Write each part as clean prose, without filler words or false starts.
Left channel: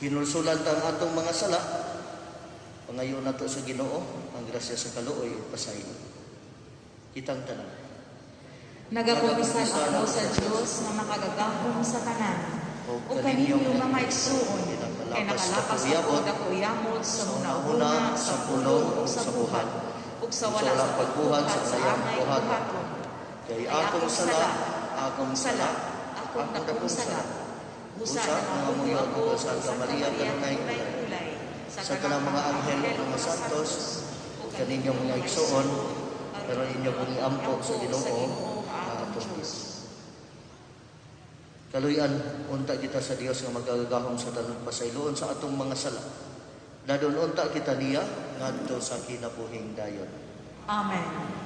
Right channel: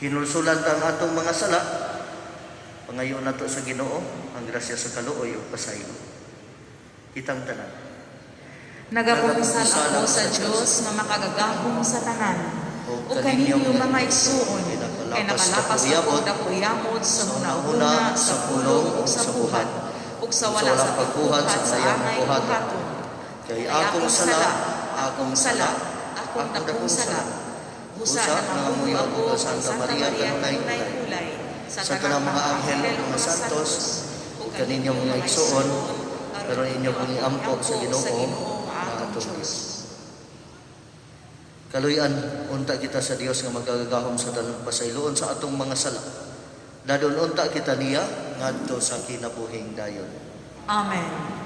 Hinulsulan ta ang atong mga sala, pangayo nato sa Ginoo ang grasya sa kaluoy o pasaylo. Kitang tanan. Nagapumisan ako sa Dios nga makagagahom sa tanan. O kaninyo mga igsuon, kay nakalapas ako dakuyamot sa hunahuna, sa pulong, o sa buhat, o sa wala sa pagbuhat sa anay buhaton. Kay akong sala, akong dakong sala. Busa na amoy ako sa Santa Maria kanunay-unay, sa tanang mga anghel ng mga santos, o kaninyong mga igsuon, pero inyo kong iampok sa Ginoo ang atong Diyos. Kaluyan, unta kita sa Dios nga magagahom sa tanang pasayloon sa atong mga sala. Dadon unta kita niya ngadto sa kinabuhing dayon. Amen.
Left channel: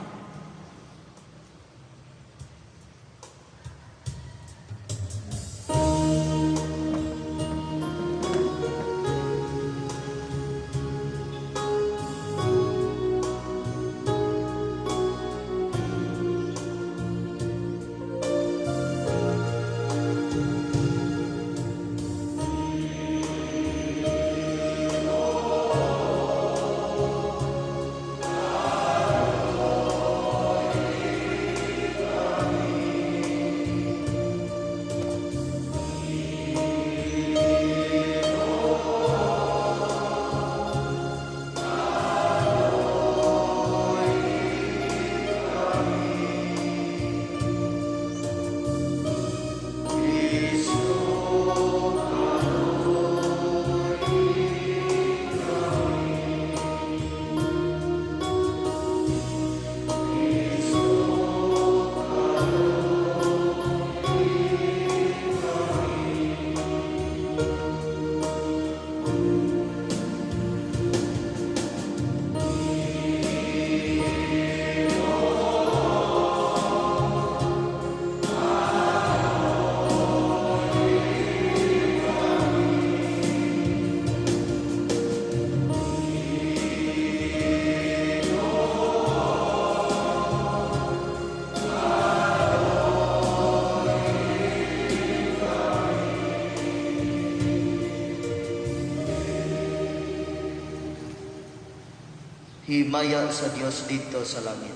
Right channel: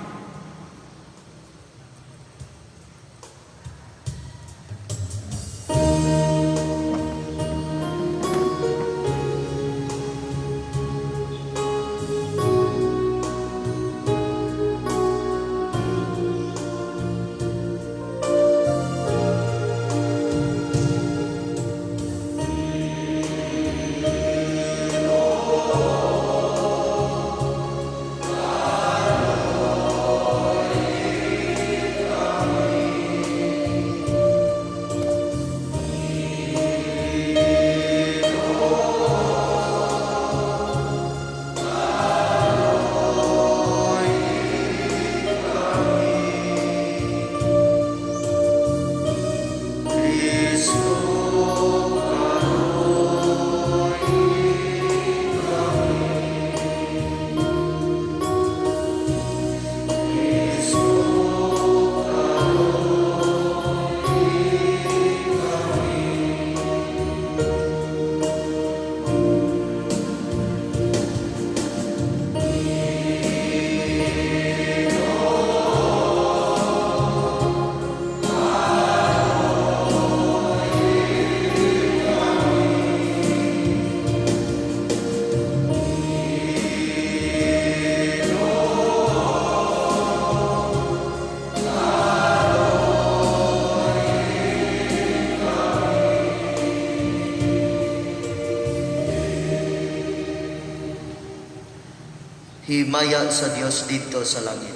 Himaya sa Dios dito sa langit.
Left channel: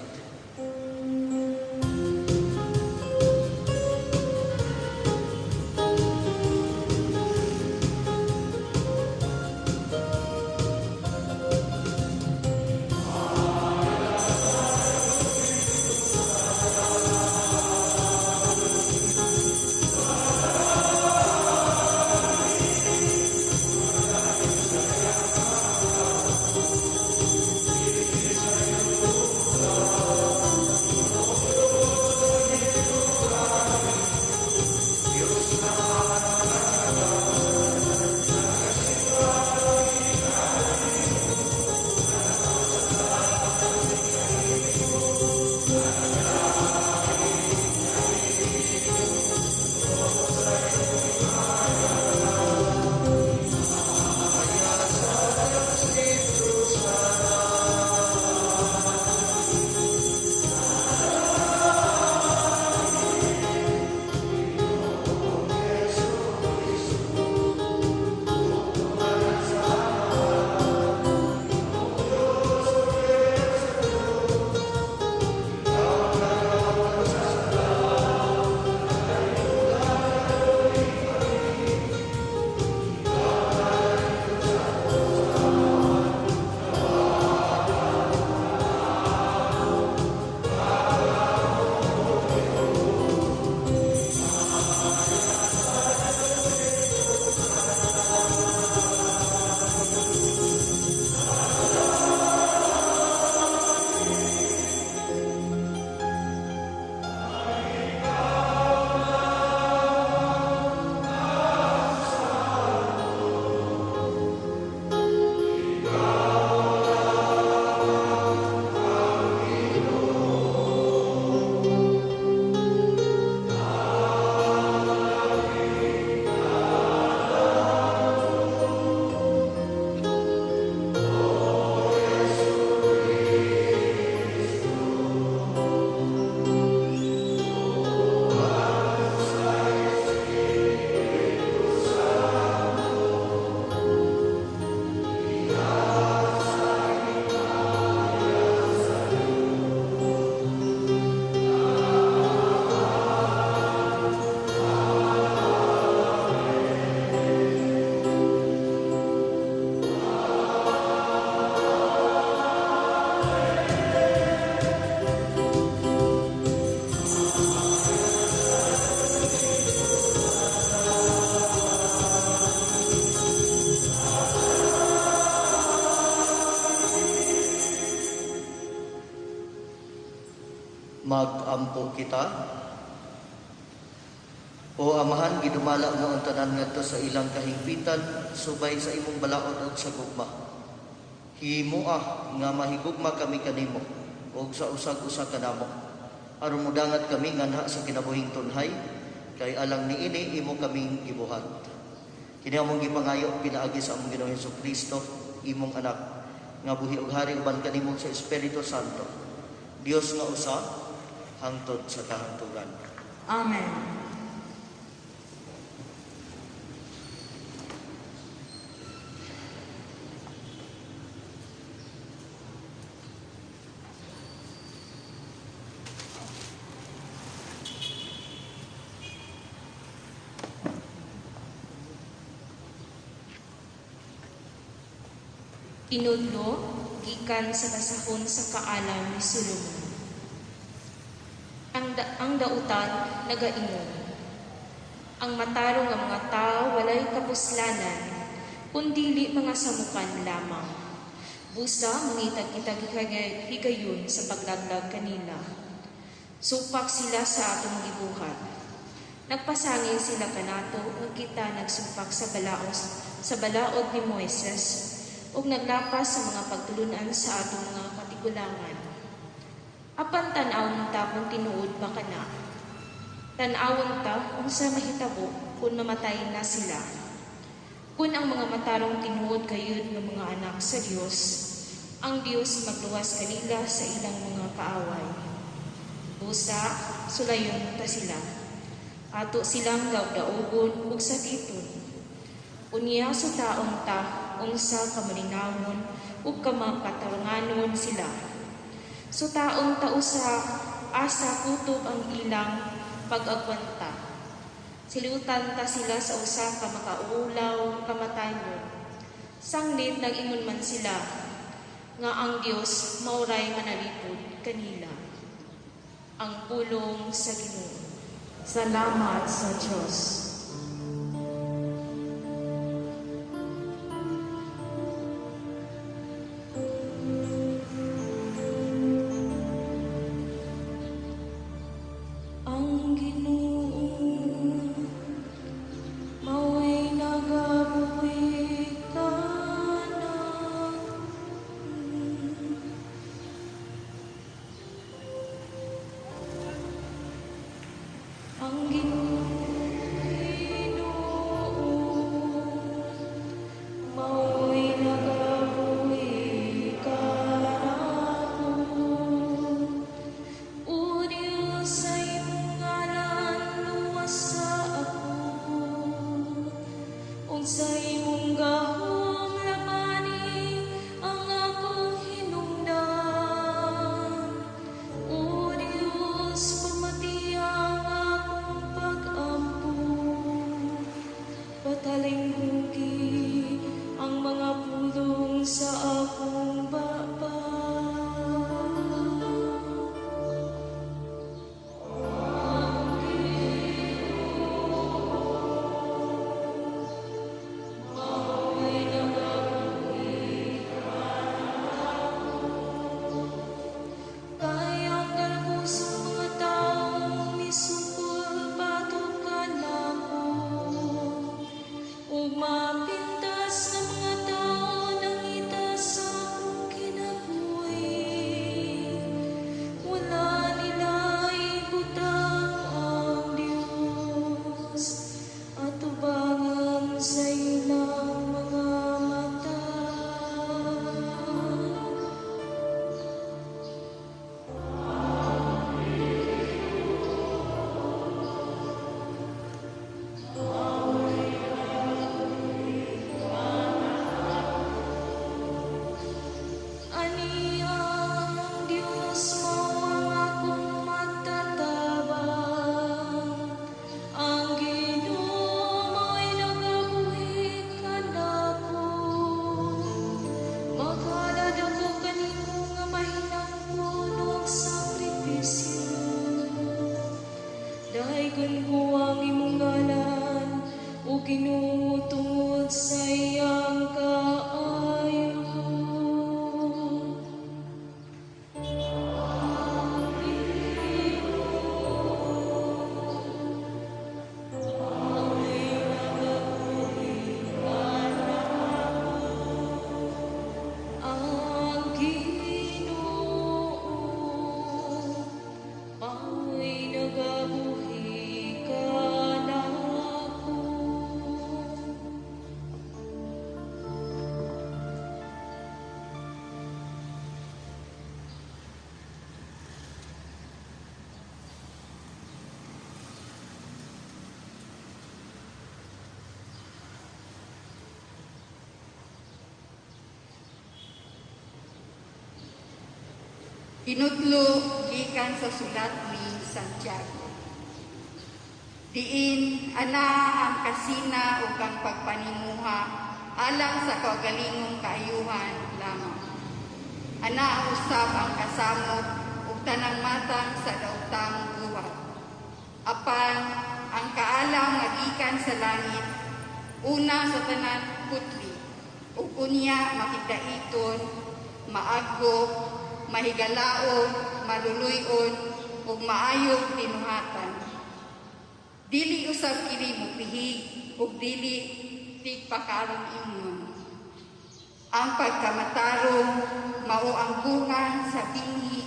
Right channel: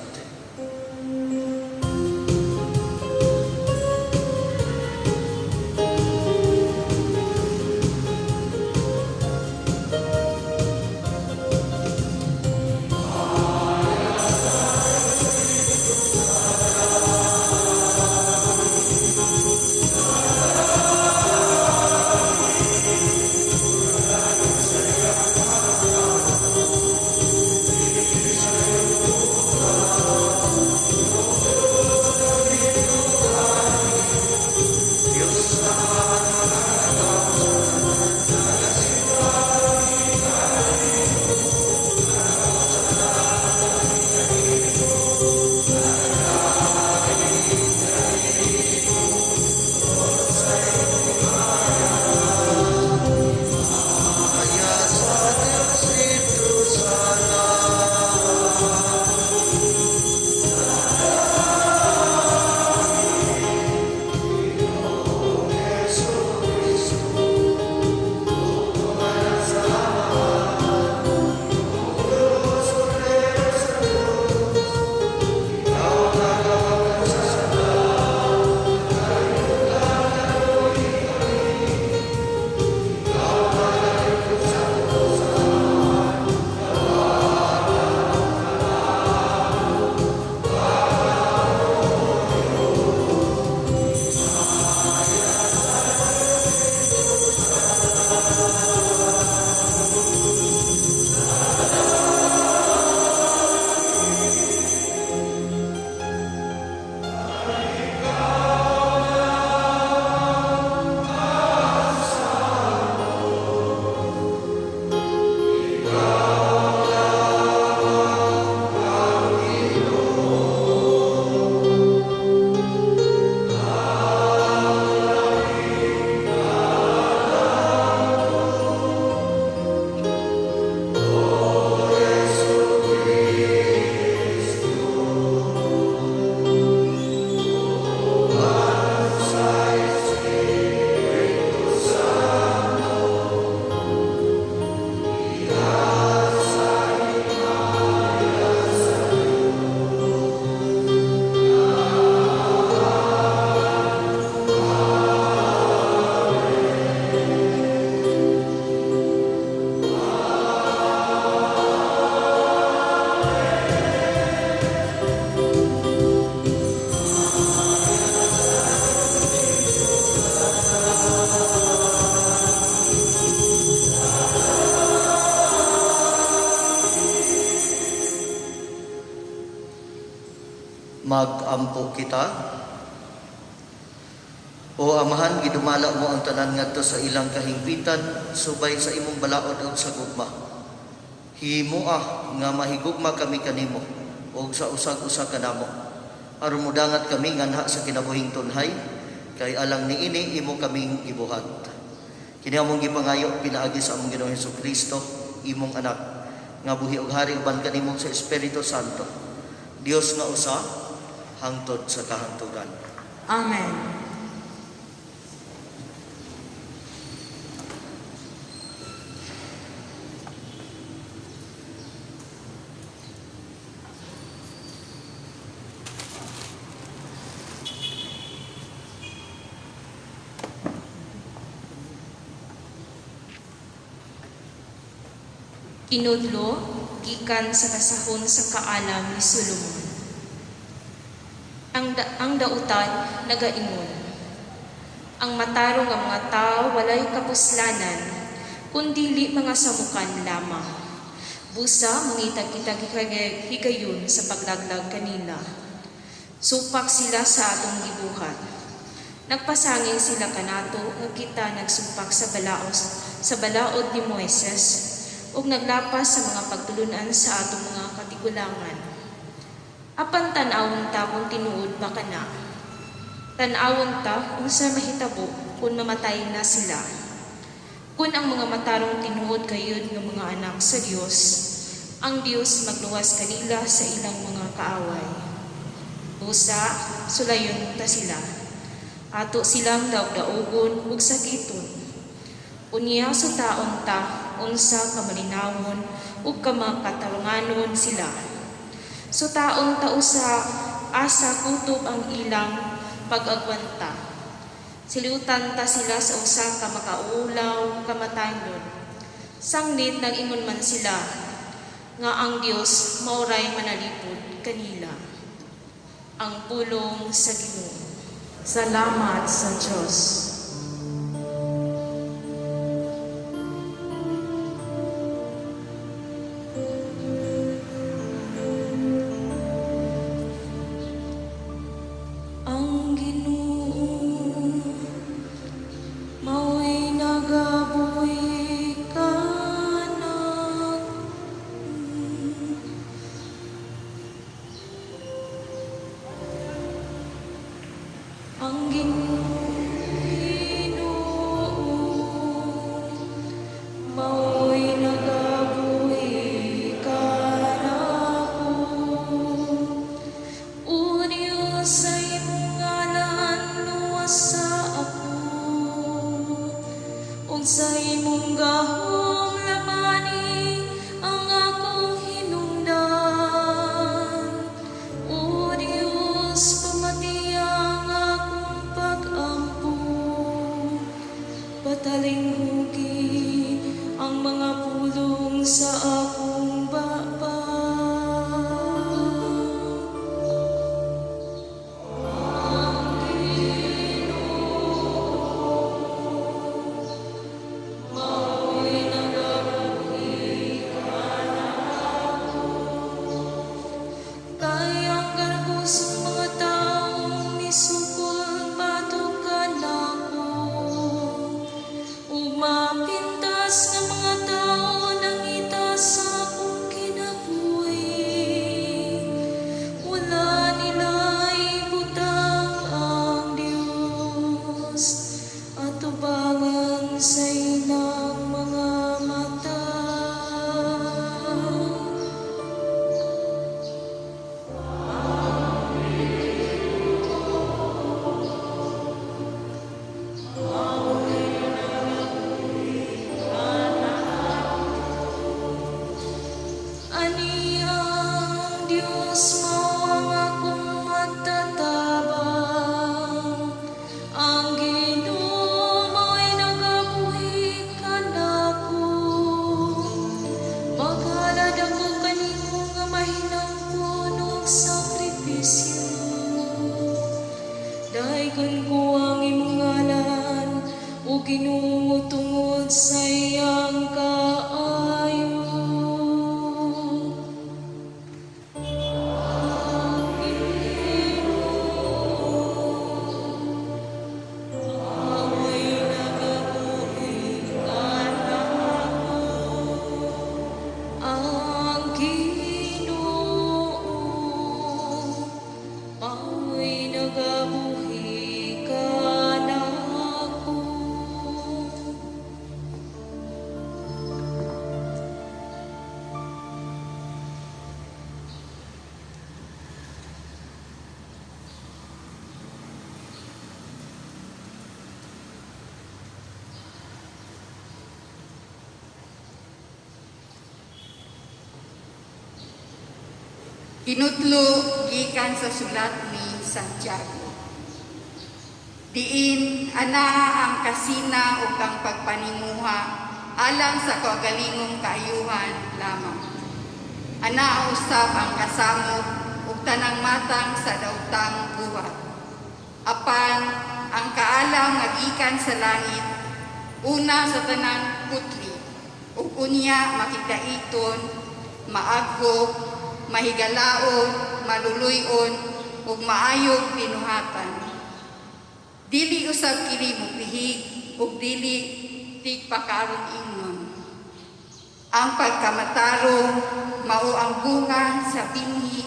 Magampo kita. O Amahan, gidumala mo ang tanan ngadto sa ilang kahingpitan, subay sa imong balaod ug sa gugma. Himuah nga mahigugma kami kanimo ug sa usag-usa kanamo. Aron mudangat kami nganha sa kinabuhing tunhay, kay alang niini imo kaming gibuhat. Kini among gipangayo pinaagi sa among Ginoong Hesukristo, imong anak, nga buhi ug hari uban kanimo sa Espiritu Santo. Dios nga usa hangtod sa kahangturan. Amen. Inudlo, gikan sa kasahon sa kaalam ni Solomon. Ang dautan nagaingon. Ang matarong nga mga tao walay kapuslanan, kundili mga samukan lamang. Busa mangitag kita higayon sa paglaglag kanila. Supak sila sa atong gibuhat. Nagpasangin sila kanato nga kita nagsupak sa balaod ni Moises, ug naglapas sa mga pagtulunan sa atong mga katigulangan. Apan tan-awon ta kung tinuod ba kana. Tan-awon ta unsa mahitabo kung mamatay na sila. Kung ang mga matarong tinuod kayod ng mga anak sa Dios, ang Dios magluwas kanila sa ilang mga kaaway. Busa, sulayon ta sila. Ato silang daog-daogon ug sakiton. Unya sa taon ta, unsa kamalinawon ug kamakatarunganon sila. So taon ta usa asa kutob ang ilang pag-agwanta. Siliutan ta sila sa usa ka makaulaw kamatayon. Sangnit nag-ingon man sila nga ang Dios mauray manalipod kanila. Ang pulong sa Ginoo. Salamat sa Diyos. Tinutlo gikan sa sulat ni Santiago. Diin ana ang kasina ug ang pagpanimuha alang sa kaugalingong kaayuhan lamang. Ana usab ang kasamot ug tanang matang sa daotang buhat. Apan ang kaalam nga gikan sa langit una sa tanang putli ug unya makigdaiton, maaghop, mahigalaon, maluluyon ug maayong pinuhatan. Dili usab kini mupihig ug dili tigpakarong ingon. Ang pagkamatarong mao ang bunga sa binhi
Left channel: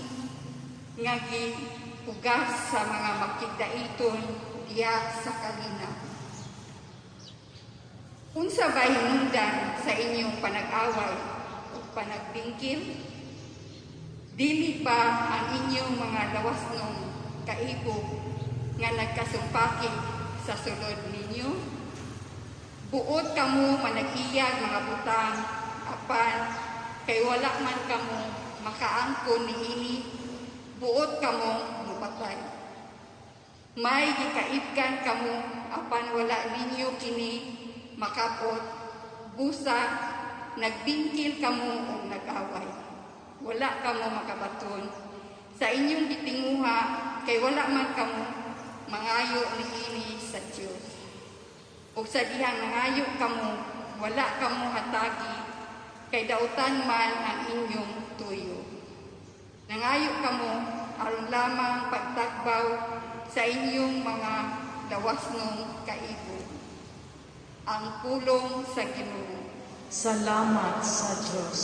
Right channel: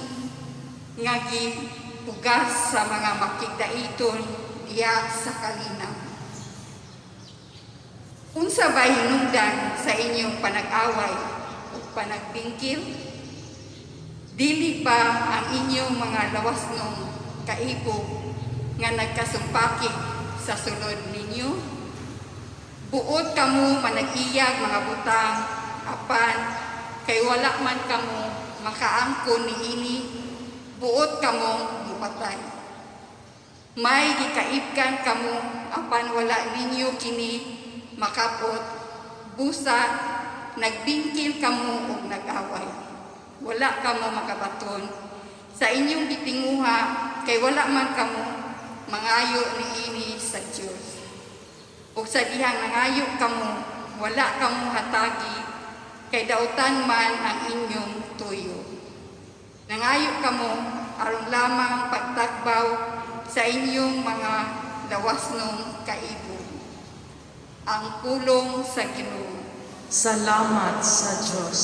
nga gipugas sa mga makigdaiton diya sa kalinaw. Unsa ba hinungdan sa inyong panag-away ug panagbingkil? Dili ba ang inyong mga lawasnong kaipog nga nagkasumpakit sa sulod ninyo? Buot kamo manag-iyag mga butang, apan kay wala man kamo makaangkon niini, buot kamo mupatay. May gikaibkan kamo, apan wala ninyo kini makapot, busa nagbingkil kamo ug nag-away. Wala kamo makabaton sa inyong gitinguha, kay wala man kamo mangayo niini sa Dios. Ug sa dihang nangayo kamo, wala kamo hatagi, kay dautan man ang inyong tuyo. Nangayo kamo aron lamang pagtagbaw sa inyong mga lawasnong kaibog. Ang pulong sa Ginoo. Salamat sa Diyos.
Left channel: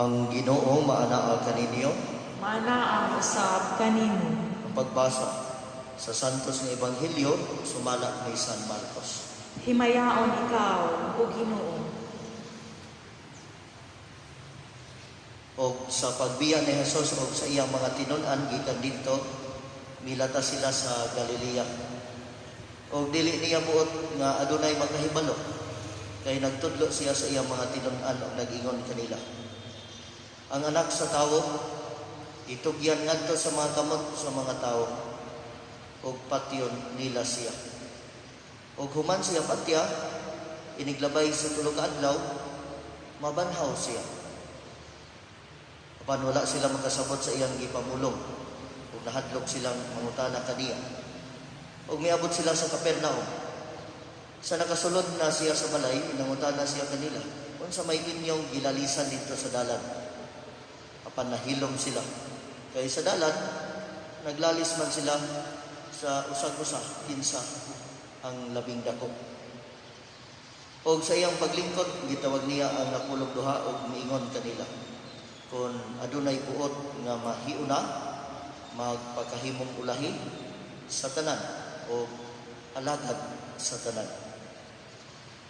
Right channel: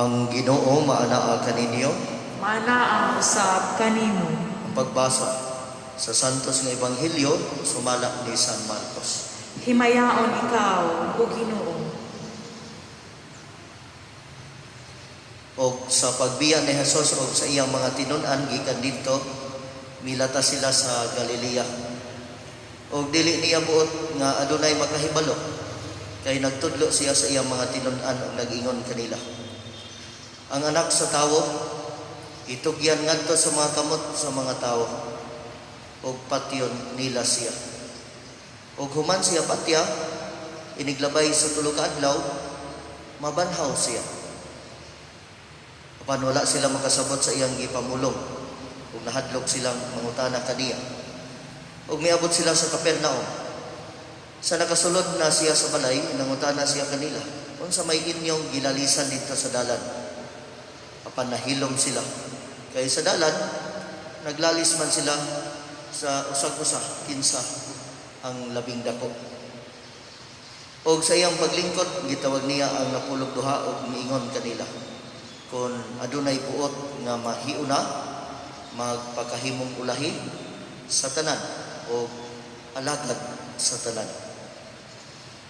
Ang Ginoo maanaa kaninyo. Mana ang usab kanimo. Ang pagbasa sa Santos nga Ebanghelyo sumala ni San Marcos. Himayaon ikaw, o Ginoo. Og sa pagbiya ni Jesus og sa iyang mga tinun-an gikan didto, milata sila sa Galilea. Og dili niya buot nga adunay makahibalo, kay nagtudlo siya sa iyang mga tinun-an og nag-ingon kanila. Ang anak sa tawo itugyan ngadto sa mga kamot sa mga tawo, og patyon nila siya. Og human siya patya, iniglabay sa tulo ka adlaw, mabanhaw siya. Apan wala sila makasabot sa iyang gipamulong, ug nahadlok silang mangutana kaniya. Ug miabot sila sa Capernaum. Sa nakasulod na siya sa balay, nangutana siya kanila, unsa may inyong gilalisan dito sa dalan? Apan nahilom sila. Kay sa dalan, naglalis man sila sa usag-usa, kinsa ang labing dako. Og sa iyang paglingkod, gitawag niya ang napulog duha og niingon kanila, kung adunay buot nga mahiuna, magpakahimong ulahi sa tanan o alagad sa tanan.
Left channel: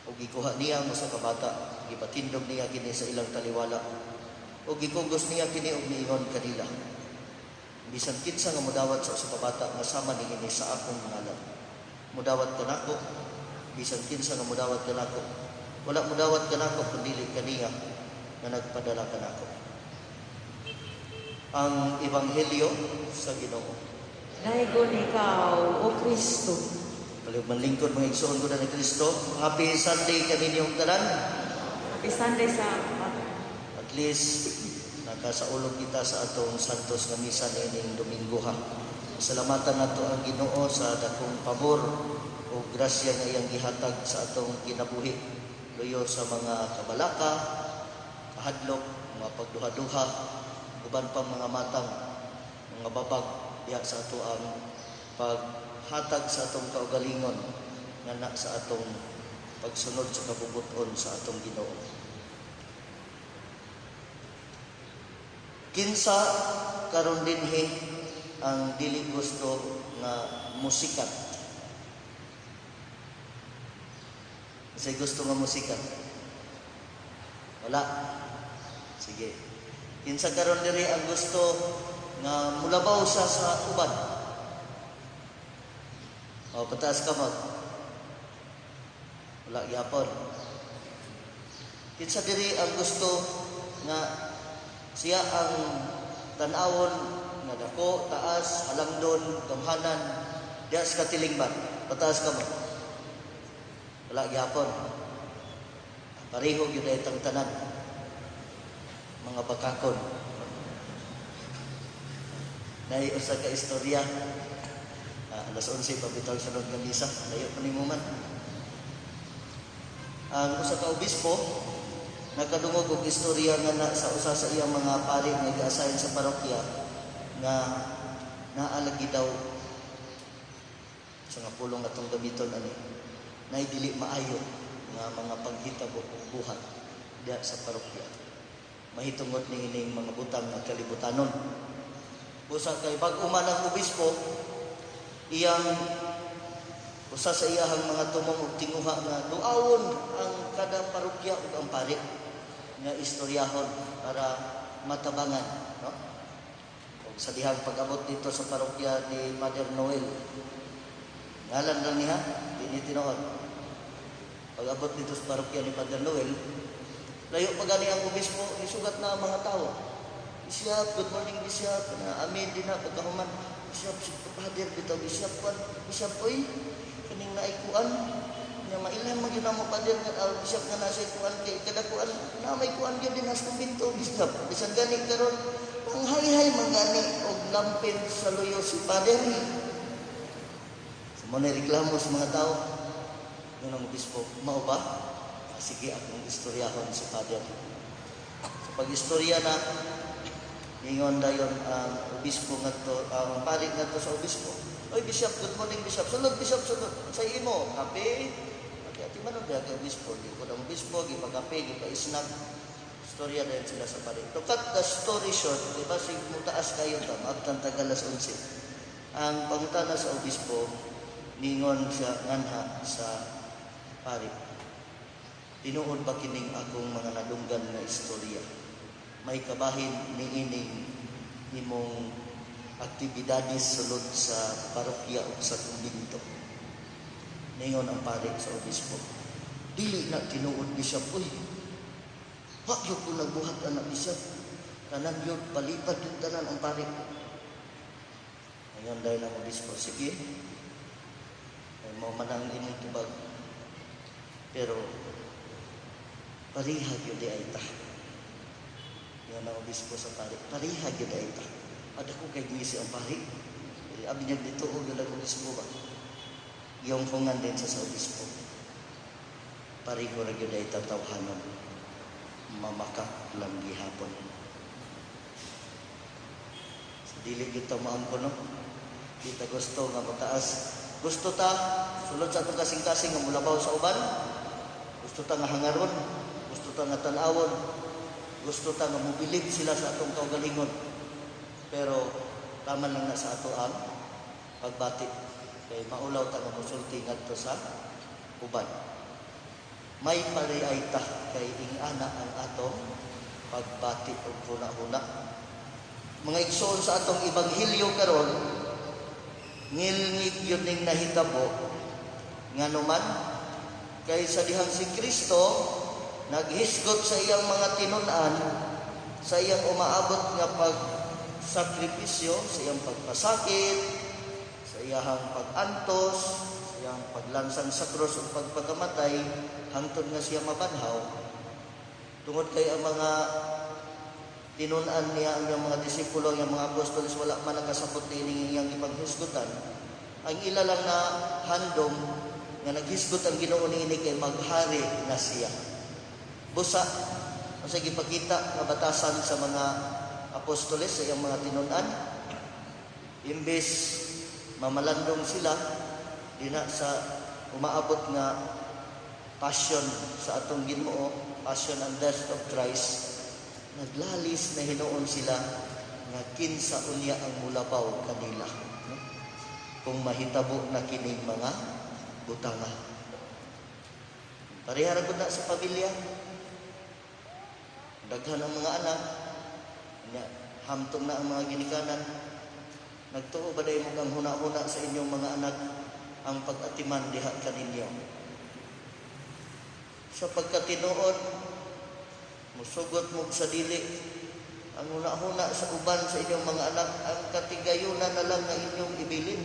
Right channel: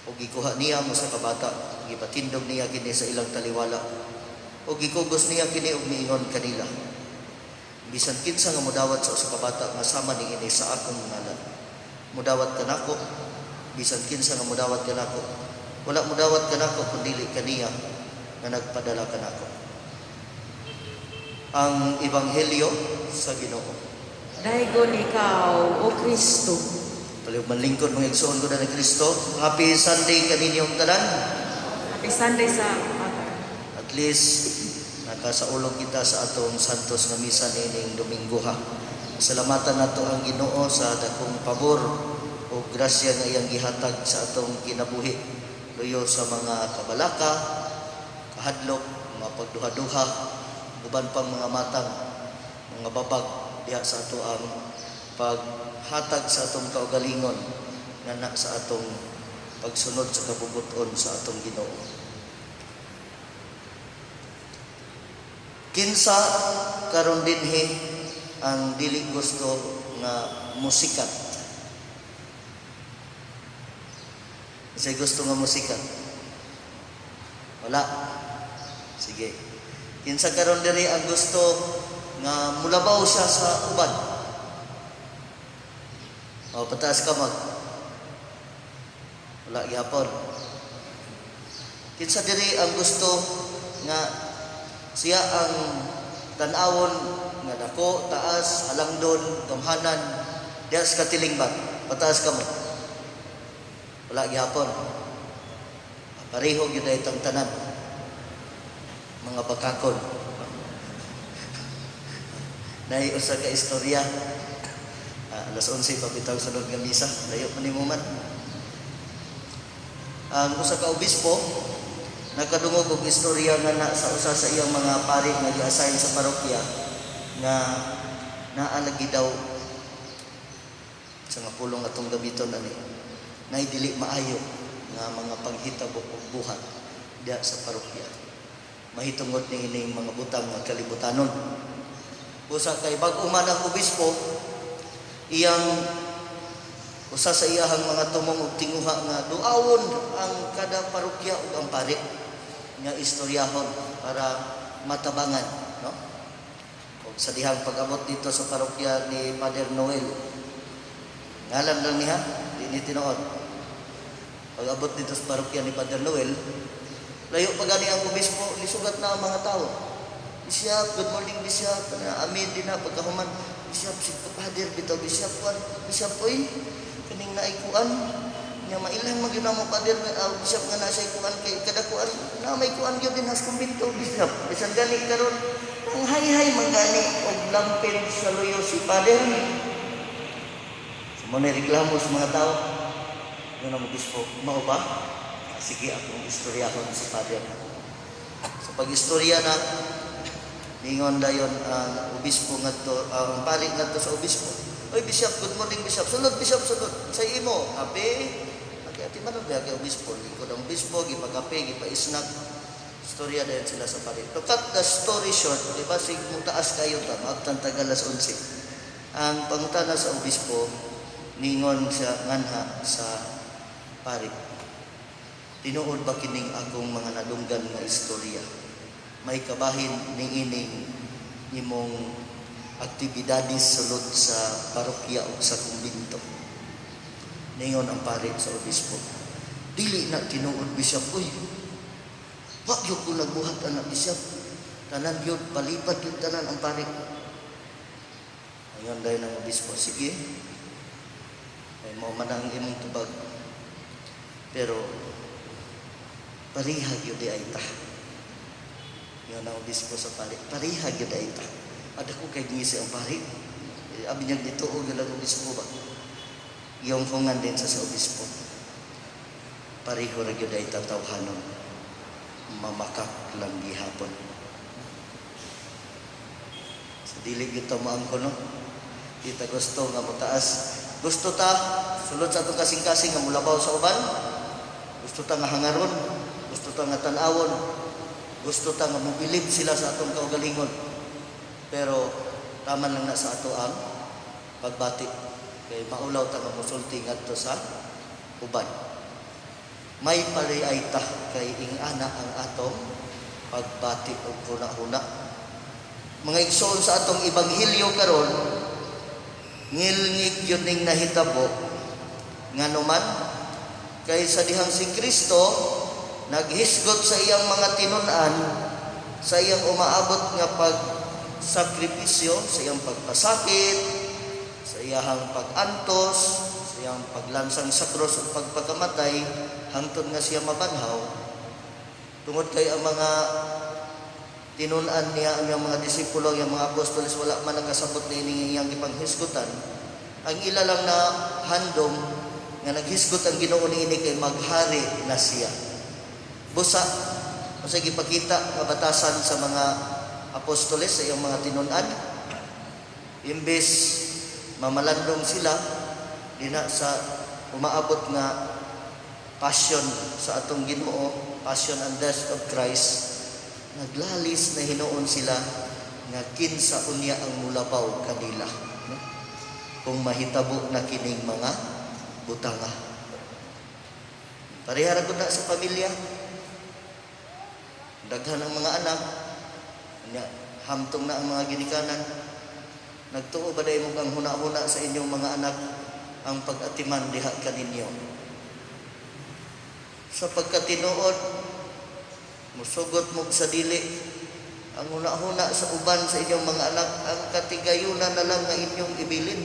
Og gikuha niya mo sa kabata, gipatindog niya kini sa ilang taliwala. ug gikugos niya kini ug miingon kanila, bisan kinsa nga mudawat sa usa ka bata nga sama niini sa akong ngalan, mudawat kanako. Bisan kinsa nga mudawat kanako, wala mudawat kanako kundi kaniya nga nagpadala kanako. Ang Ebanghelyo sa Ginoo. Daigon ikaw, O Kristo. Palihog manlingkod mga igsoon ko na ni Kristo. Happy Sunday kaninyong tanan. Happy Sunday sa At least nakasaulog kita sa atong santos nga misa nining Domingo ha. Salamatan nato ang Ginoo sa dakong pabor o grasya nga iyang gihatag sa atong kinabuhi. Luyo sa mga kabalaka, kahadlok, mga pagduha-duha, uban pang mga matang, mga babag diha sa ato ang paghatag sa atong kaugalingon nga na sa atong pagsunod sa kabubuton sa atong Ginoo. Kinsa karon dinhi ang dili gusto nga musikat? Kasi gusto nga musikat? Wala. Sige. Kinsa karon diri ang gusto nga mulabaw siya sa uban? O, pataas kamot. Wala gyapon. Kinsa diri ang gusto nga siya ang tan-awon nga dako, taas, halangdon, gamhanan, diha sa katilingban? Pataas kamot. Wala gyapon. Pareho gyud ay tanan mga bakakon. Nahi usa ka istorya. Alas 11 pa bitaw sunod nga misa, layo man nimo man. Ang usa ka obispo nakadungog og istorya nga na sa usa sa iyang mga pari nga gi-assign sa parokya nga naalagi daw sa nga pulong atong gamiton ani. Nay dili maayo nga mga panghitabo ug buhat diha sa parokya. Mahitungod ni ining mga butang nga kalibutanon. Usa kay bag-o man ang obispo, iyang usa sa iyahang mga tumong ug tinguha nga duawon ang kada parokya ug ang pari nga istoryahon para matabangan, no? Ug sa dihang pag-abot dito sa parokya ni Father Noel, ngalan lang niya, di ni tinuod. Pag-abot dito sa parokya ni Father Noel, layo pa gani ang obispo, isugat na ang mga tao. Bishop, good morning Bishop. Amin din na pagkahuman. Bishop, si Father bitaw Bishop kuan. Bishop oy, kining naikuan nya mailan mo gyud mo Father Bishop nga na sa ikuan kay kada kuan na may kuan gyud din has kumbinto Bishop. Bisan gani karon ang hay-hay magani og lampin sa luyo si Father ni. Sa mga reklamo sa mga tao, yun ang obispo, mao ba? Sige, akong istoryahon si Father. Sa pag-istorya na, ningon dayon ang obispo ngadto, ang pari ngadto sa obispo. Oy Bishop, good morning Bishop. Sunod Bishop, sunod. Sa imo, kape. Ati man ba kay obispo? Likod ang obispo, gipagape, gipaisnak. Istorya dayon sila sa pari. To cut the story short, di ba sig mutaas kayo ta, maabtan tagalas 11. Ang pangutana sa obispo, ningon siya nganha sa pari. Tinuod ba kining akong mga nadunggan nga istorya? May kabahin ni ining imong aktibidades sulod sa parokya o sa kumbinto. Ningon ang pari sa obispo, dili na tinuod Bishop. Uy, wag yun ko nagbuhat anak Bishop. Tanan yun, palipad yun tanan ang pari. Ningon dahil ang obispo, sige, ay mauman ang imong tubag. Pero parihag yun di ay ta. Yun ang obispo sa pari. Parihag yun di ay ta. Ada ko kay ngisi ang pari. Abi niya dito o yun ang obispo ba? Yung fungan din sa obispo. Pariho na yun ay tatawhanon. Mamakak lang gihapon. Sa dilig ito maang kono. Kita gusto nga mataas. Gusto ta, sulod sa itong kasing-kasing nga mulabaw sa uban. Gusto ta nga hangaron. Gusto ta nga tanawon. Gusto ta nga mobilib sila sa atong kaugalingon. Pero tama lang na sa ato ang pagbati. Kaya maulaw ta nga musulti ngadto sa uban. May pariay ta kay ingana ang atong pagbati og kuna-una. Mga igsoon sa atong ebanghelyo karon, ngilngig yun ning nahitabo nga naman kay sa dihang si Kristo naghisgot sa iyang mga tinun-an, sa iyang umaabot nga pagsakripisyo, sa iyang pagpasakit, sa iyang pag-antos, sa iyang paglansang sa krus ug pagpakamatay hangtod nga siya mabanhaw. Tungod kay ang mga tinun-an niya, ang mga disipulo, ang mga apostoles, wala man nagkasabot na iyang ipanghisgutan. Ang ila lang na handom nga naghisgot ang Ginoo niini kay maghari na siya. Busa, sa gipakita nga batasan sa mga apostoles sa iyang mga tinun-an, imbes mamalandong sila dina sa umaabot nga passion sa atong Ginoo, passion and death of Christ, naglalis na hinuon sila nga kinsa unya ang mulabaw kanila kung mahitabo na kining mga butanga. Parehara ko na sa pamilya, daghan ang mga anak, hamtong na ang mga ginikanan. Nagtuo ba dahil ang huna-huna sa inyong mga anak ang pag-atiman diha kaninyo? Sa pagkatinuod, musugot mo sa dili ang huna-huna sa uban sa inyong mga anak, ang katigayunan na lang nga inyong ibilin.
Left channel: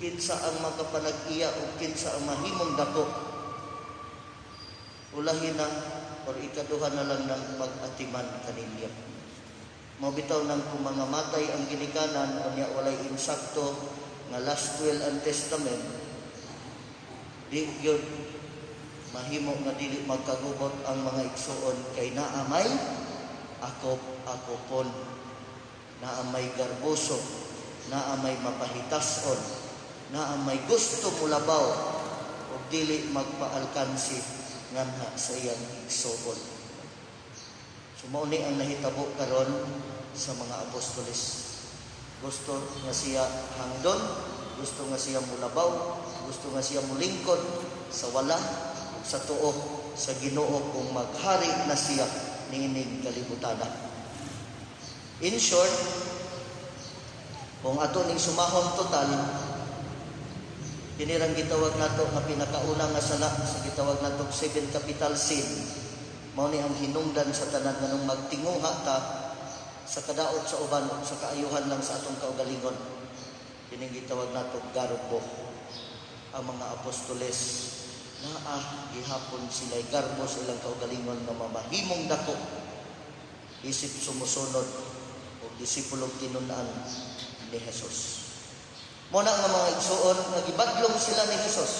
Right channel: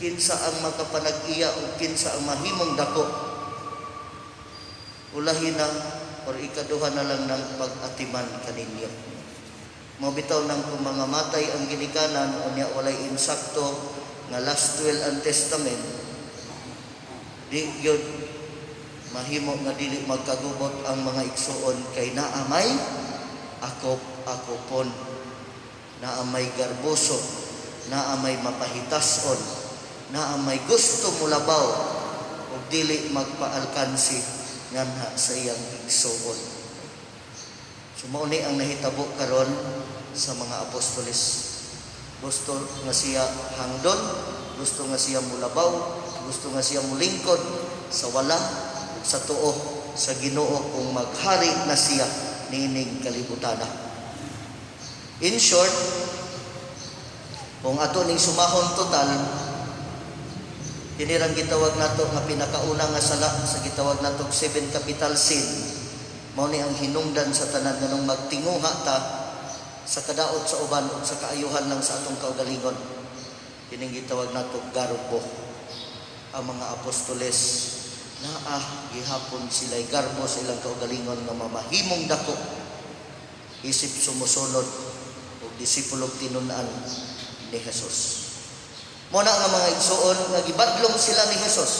Kinsa ang makapanag-iya o kinsa ang mahimong dako. Ulahin na o ikaduha na lang ng pag-atiman kaninyo. Mabitaw ng pumamamatay ang ginikanan o niya walay insakto nga last will and testament. Di yun mahimo nga dili magkagubot ang mga igsuon kay naamay akop-akopon, naamay garboso, naamay mapahitason, naamay gusto mulabaw o dili magpaalkansi nga na sa iyang igsuon. Sumauni ang nahitabo karon sa mga apostoles. Gusto nga siya hangdon, gusto nga siya mulabaw, gusto nga siya mulingkod sa wala, sa tuo, sa Ginoo kung maghari na siya niining kalibutan. In short, kung ato ning sumahon total, kinirang gitawag nato nga pinakauna nga sala sa gitawag nato 7 capital sin, mao ni ang hinungdan sa tanan nga nung magtinguha ta sa kadaot sa uban ug sa kaayuhan lang sa atong kaugalingon. Kining gitawag nato garbo. Ang mga apostoles gihapon sila'y garbo sa ilang kaugalingon nga mamahimong dako isip sumusunod o disipulog tinun-an ni Jesus. Muna nga mga igsuon nga gibadlong sila ni Jesus,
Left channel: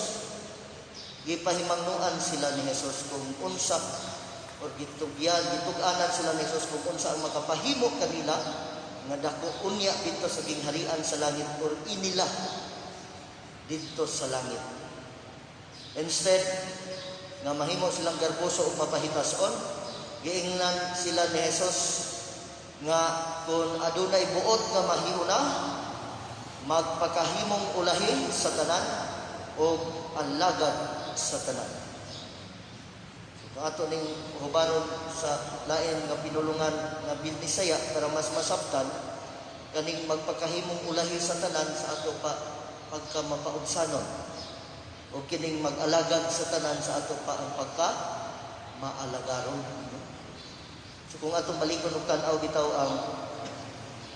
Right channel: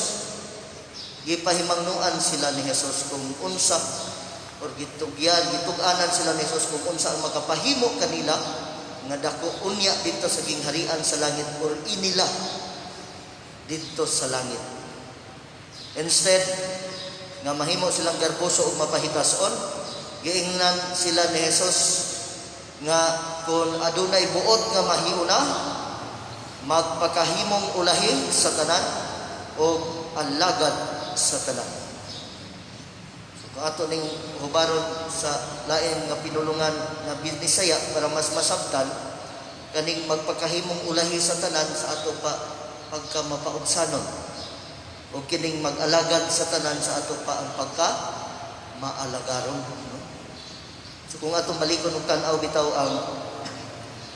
gipahimangnuan sila ni Jesus kung unsa or gitug-anan sila ni Jesus kung unsa ang makapahimo kanila nga dako unya dito sa gingharian sa langit or inila dito sa langit. Instead nga mahimo silang garboso ug mapahitason, giingnan sila ni Jesus nga kung adunay buot nga mahiuna, magpakahimong ulahin sa tanan o alagad sa tanan. So, kung ato ning hubaron sa lain nga pinulungan nga Bisaya para mas masabtan, kaning magpakahimong ulahi sa tanan sa ato pa pagka mapaubsanon o kining mag-alagad sa tanan sa ato pa ang pagka maalagaron. No? So kung atong malikon og tan-aw bitaw ang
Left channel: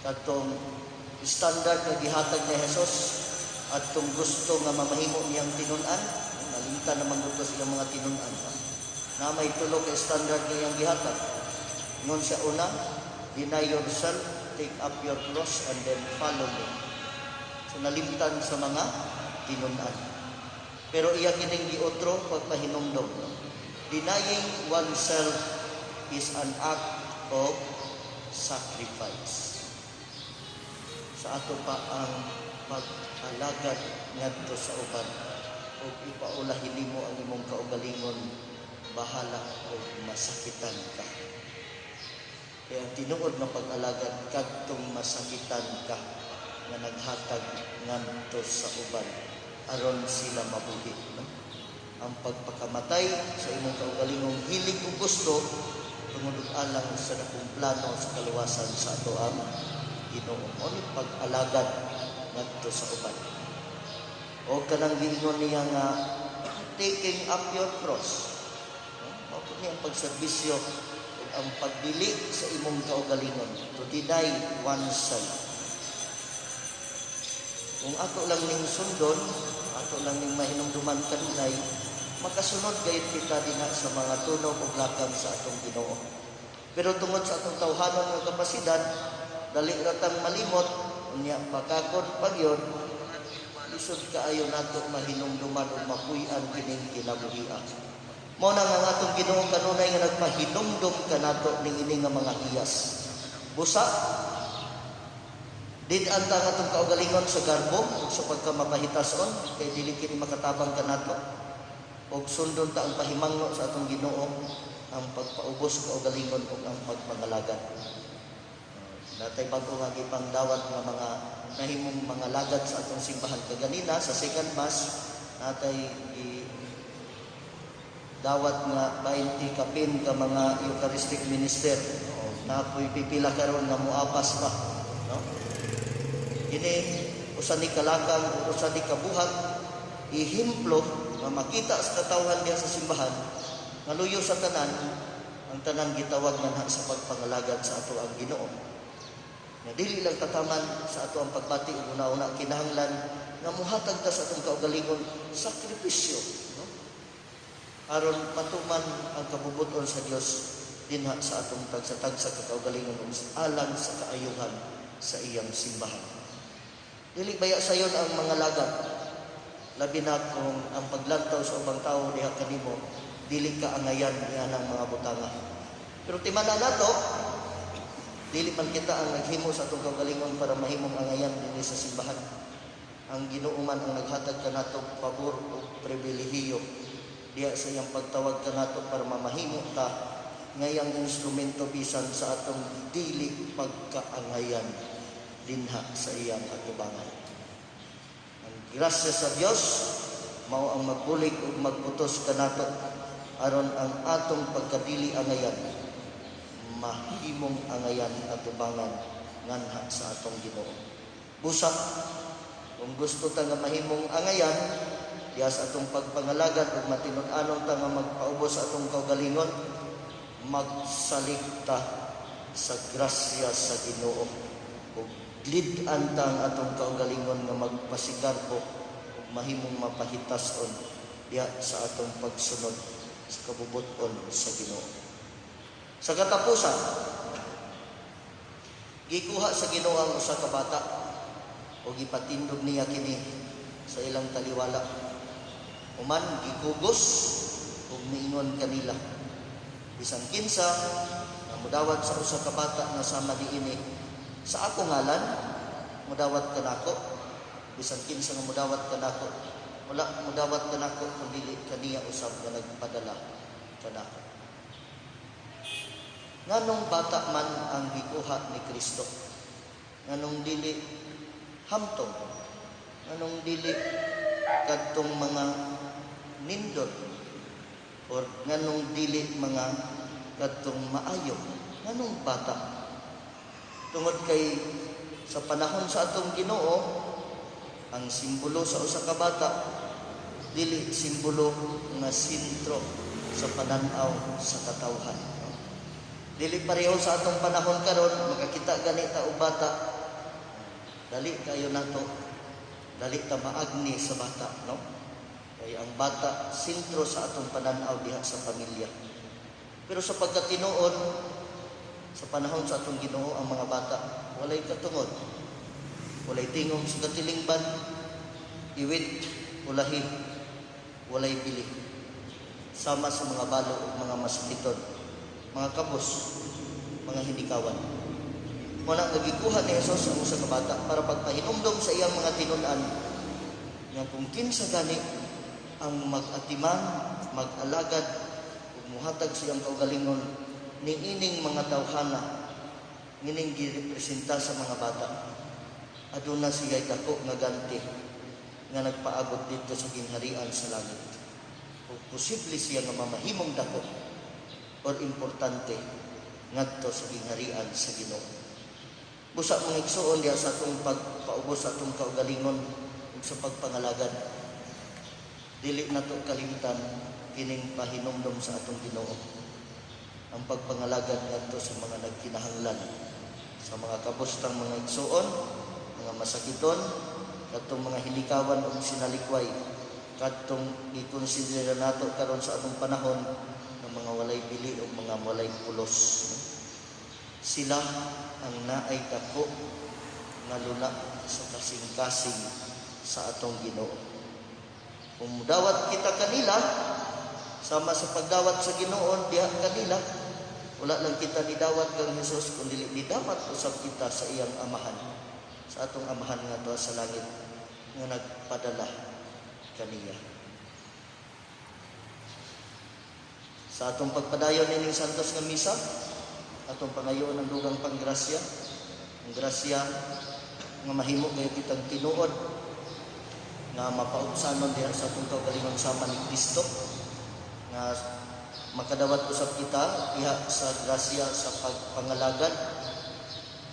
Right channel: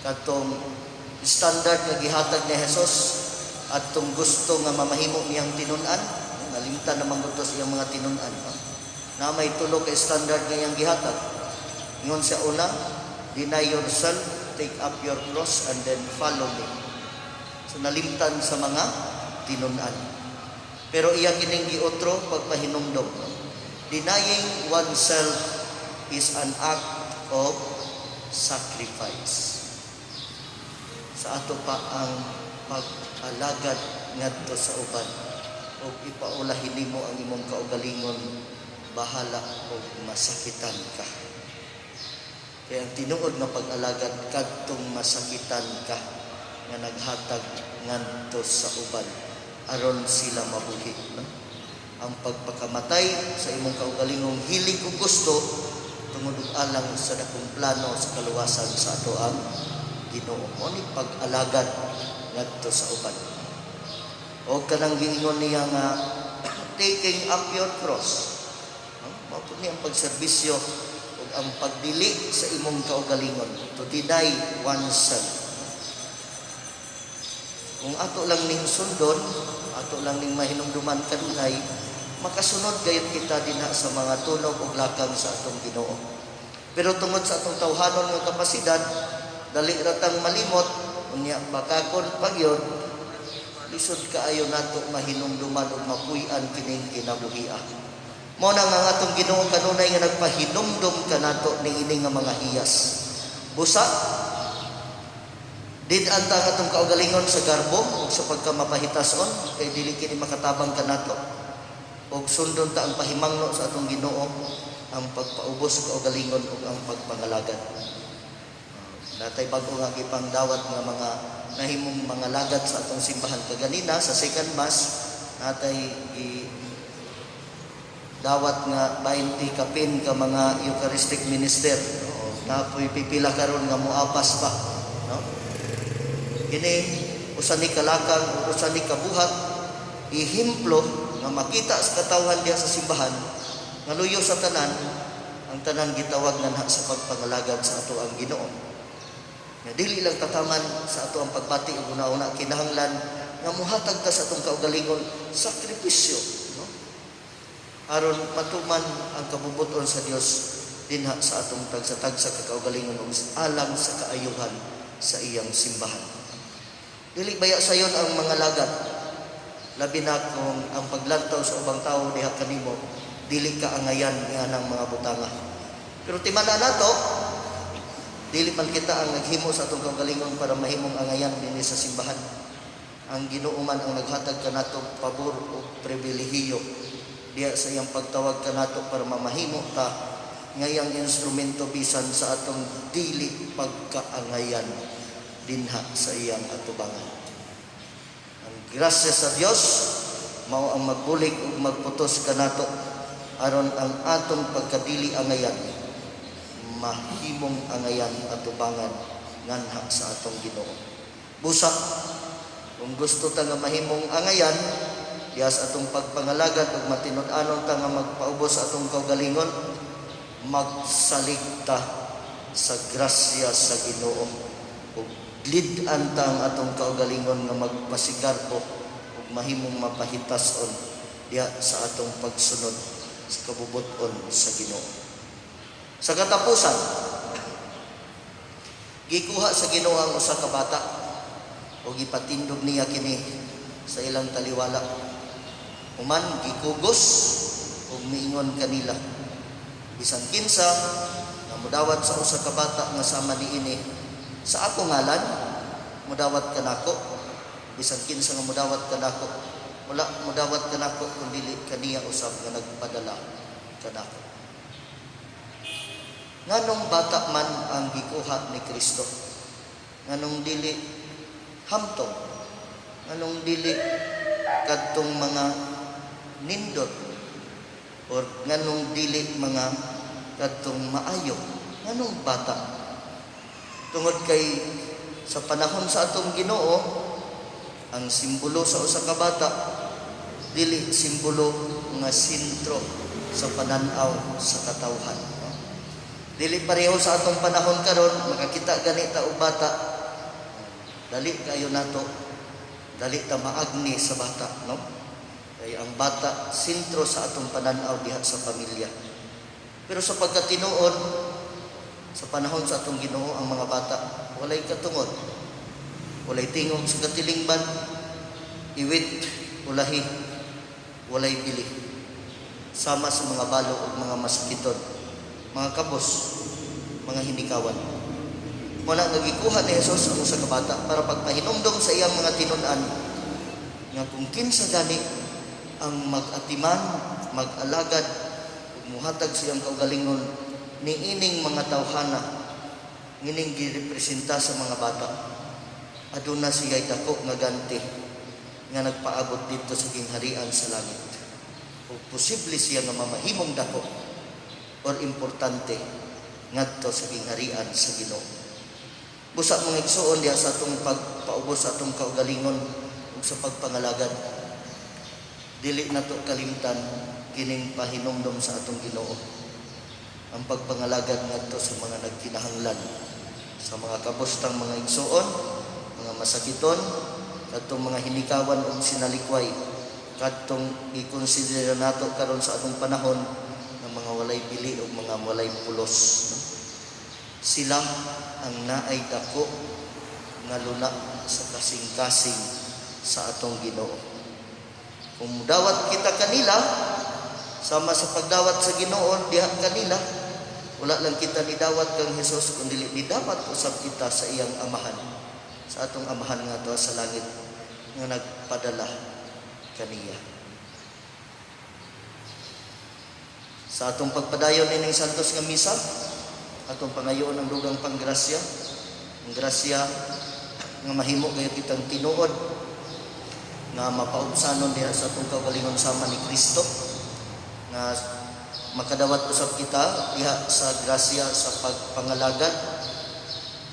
katong standard nga gihatag ni Jesus at tong gusto nga mamahimo niyang tinun-an, nalimtan naman buto sa iyang mga tinun-an. Na may tulo ka standard nga iyang gihatag. Ingon sa una, deny yourself, take up your cross, and then follow me. So nalimtan sa mga tinun-an. Pero iyang kining giotro pagpahinumdom. Denying oneself is an act of sacrifice. Sa ato pa ang pag-alagad ngadto sa uban o ipaulahin nimo ang imong kaugalingon, bahala o masakitan ka. Kaya ang tinuod nga pag-alagad kadtong masakitan ka nga naghatag ngadto sa uban aron sila mabuhi. No? Ang pagpakamatay sa imong kaugalingong hilig o gusto tungod ug alang sa dakong plano sa kaluwasan sa ato ang Ginoo. Mo ni pag-alagad ngadto sa uban. O kanang giingon niya nga taking up your cross. Mao ni ang pagserbisyo ug ang pagdili sa imong kaugalingon, to deny oneself. Kung ato lang ning sundon, ato lang ning mahinumduman kanunay, makasunod gayud kita dinha sa mga tunog ug lakang sa atong Ginoo. Pero tungod sa atong tawhanon nga kapasidad, dali ratang malimot, unya bakakon pagyod, lisod kaayo nato mahinumduman ug mapuy-an kining kinabuhia. Mao na nga atong Ginoo kanunay nga nagpahinumdum kanato niini nga mga hiyas. Busa din anta atong kaugalingon sa garbo ug sa pagkamapahitason kay dili kini makatabang kanato. Ug sundon ta ang pahimangno sa atong Ginoo, ang pagpaubos sa kaugalingon ug ang pagpangalagad. Natay bago nga gipang dawat nga mga nahimong mga lagad sa atong simbahan kaganina sa second mass, natay dawat nga 20 kapin ka mga Eucharistic minister. Napoy pipila karon nga moapas pa, no? Kini usa ni kalakang, usa ni kabuhat, ihimplo nga makita sa katawhan diha sa simbahan nga luyo sa tanan, ang tanan gitawag na sa pagpangalagad sa ato ang Ginoo. Nga dili lang tataman sa ato ang pagbati ug una-una kinahanglan nga muhatag ta sa atong kaugalingon sakripisyo, no? Aron matuman ang kabubuton sa Dios dinha sa atong tagsa-tagsa kakaugalingon ug alang sa kaayuhan sa iyang simbahan. Dili baya sayon ang mga lagad, labi na kung ang paglantaw sa ubang tao diha kanimo dili ka angayan nga ng mga butanga. Pero timana nato, dili man kita ang naghimo sa atong kaugalingon para mahimong angayan dinhi sa simbahan. Ang Ginoo man ang naghatag kanato pabor o pribilehiyo diha sa iyang pagtawag kanato para mamahimo ka ngayang instrumento bisan sa atong dili pagkaangayan dinha sa iyang katubangan. Ang grasya sa Dios mao ang magbulig ug magputos kanato aron ang atong pagkadili angayan mahimong angayan atubangan nganha sa atong Ginoo. Busa kung gusto ta nga mahimong angayan diha sa atong pagpangalagad ug matinud-anon ta nga magpaubos sa atong kaugalingon, magsaligta sa grasya sa Ginoo ug lid-an ta ang atong kaugalingon nga magpasigarbo ug mahimong mapahitason diha sa atong pagsunod sa kabubuton sa Ginoo. Sa katapusan, gikuha sa Ginoo ang usa ka bata ug ipatindog niya kini sa ilang taliwala. Human gikugos ug miingon kanila, bisan kinsa nga mudawat sa usa ka bata nga sama niini sa ako ngalan, mudawat kanako. Bisan kinsa nga mudawat kanako, wala mudawat kanako kun dili kaniya usab nga nagpadala kanako. Nganong bata man ang gikuha ni Kristo, nganong dili hamtong, nganong dili kadtong mga nindot, or nganong dili mga kadtong maayo, nganong bata? Tungod kay sa panahon sa atong Ginoo, ang simbolo sa usa ka bata dili simbolo nga sentro sa pananaw sa katawhan. Dili pareho sa atong panahon karon, makakita ganita og bata, dali kayo nato, dali ta maagni sa bata, no? Kay ang bata sentro sa atong pananaw diha sa pamilya. Pero sa pagkatinuod sa panahon sa atong Ginoo, ang mga bata walay katungod, walay tingog sa katilingban, iwit, ulahi, walay bili, sama sa mga balo ug mga masakiton, mga kapos, mga hinikawan. Muna nga gikuha ni Jesus ang usa ka bata para pagpahinumdom sa iyang mga tinun-an nga kung kinsa gani ang mag-atiman, mag-alagad ug muhatag sa iyang kaugalingon niining mga tawhana ngining girepresenta sa mga bata, aduna siya'y dako nga ganti nga nagpaabot dito sa gingharian sa langit. O posible siya nga mamahimong dako or importante ngadto sa gingharian sa Ginoo. Busa mong igsuon diha sa atong pagpaubos sa atong kaugalingon ug sa pagpangalagad. Dili nato kalimtan kining pahinumdom sa atong Ginoo. Ang pagpangalagad ngadto sa mga nagkinahanglan, sa mga kabustang mga igsuon, mga masakiton, kadtong mga hinikawan o sinalikway, kadtong i-consider nato karon sa atong panahon ng mga walay bili o mga walay pulos. Sila ang naay dako nga luna sa kasing-kasing sa atong Ginoo. Kung dawat kita kanila, sama sa pagdawat sa Ginoo diha kanila, wala lang kita ni dawat kang Hesus, kundi ni dawat usab kita sa iyang amahan, sa atong amahan nga tuwa sa langit nga nagpadala kaniya. Sa atong pagpadayon ining santos nga misa, atong pangayoon ang dugang panggrasya, ang grasya nga mahimo kayo kitang tinuod nga mapaubsanon diha sa atong kaugalingon sama ni Kristo, nga makadawat usab kita diha sa grasya sa pagpangalagad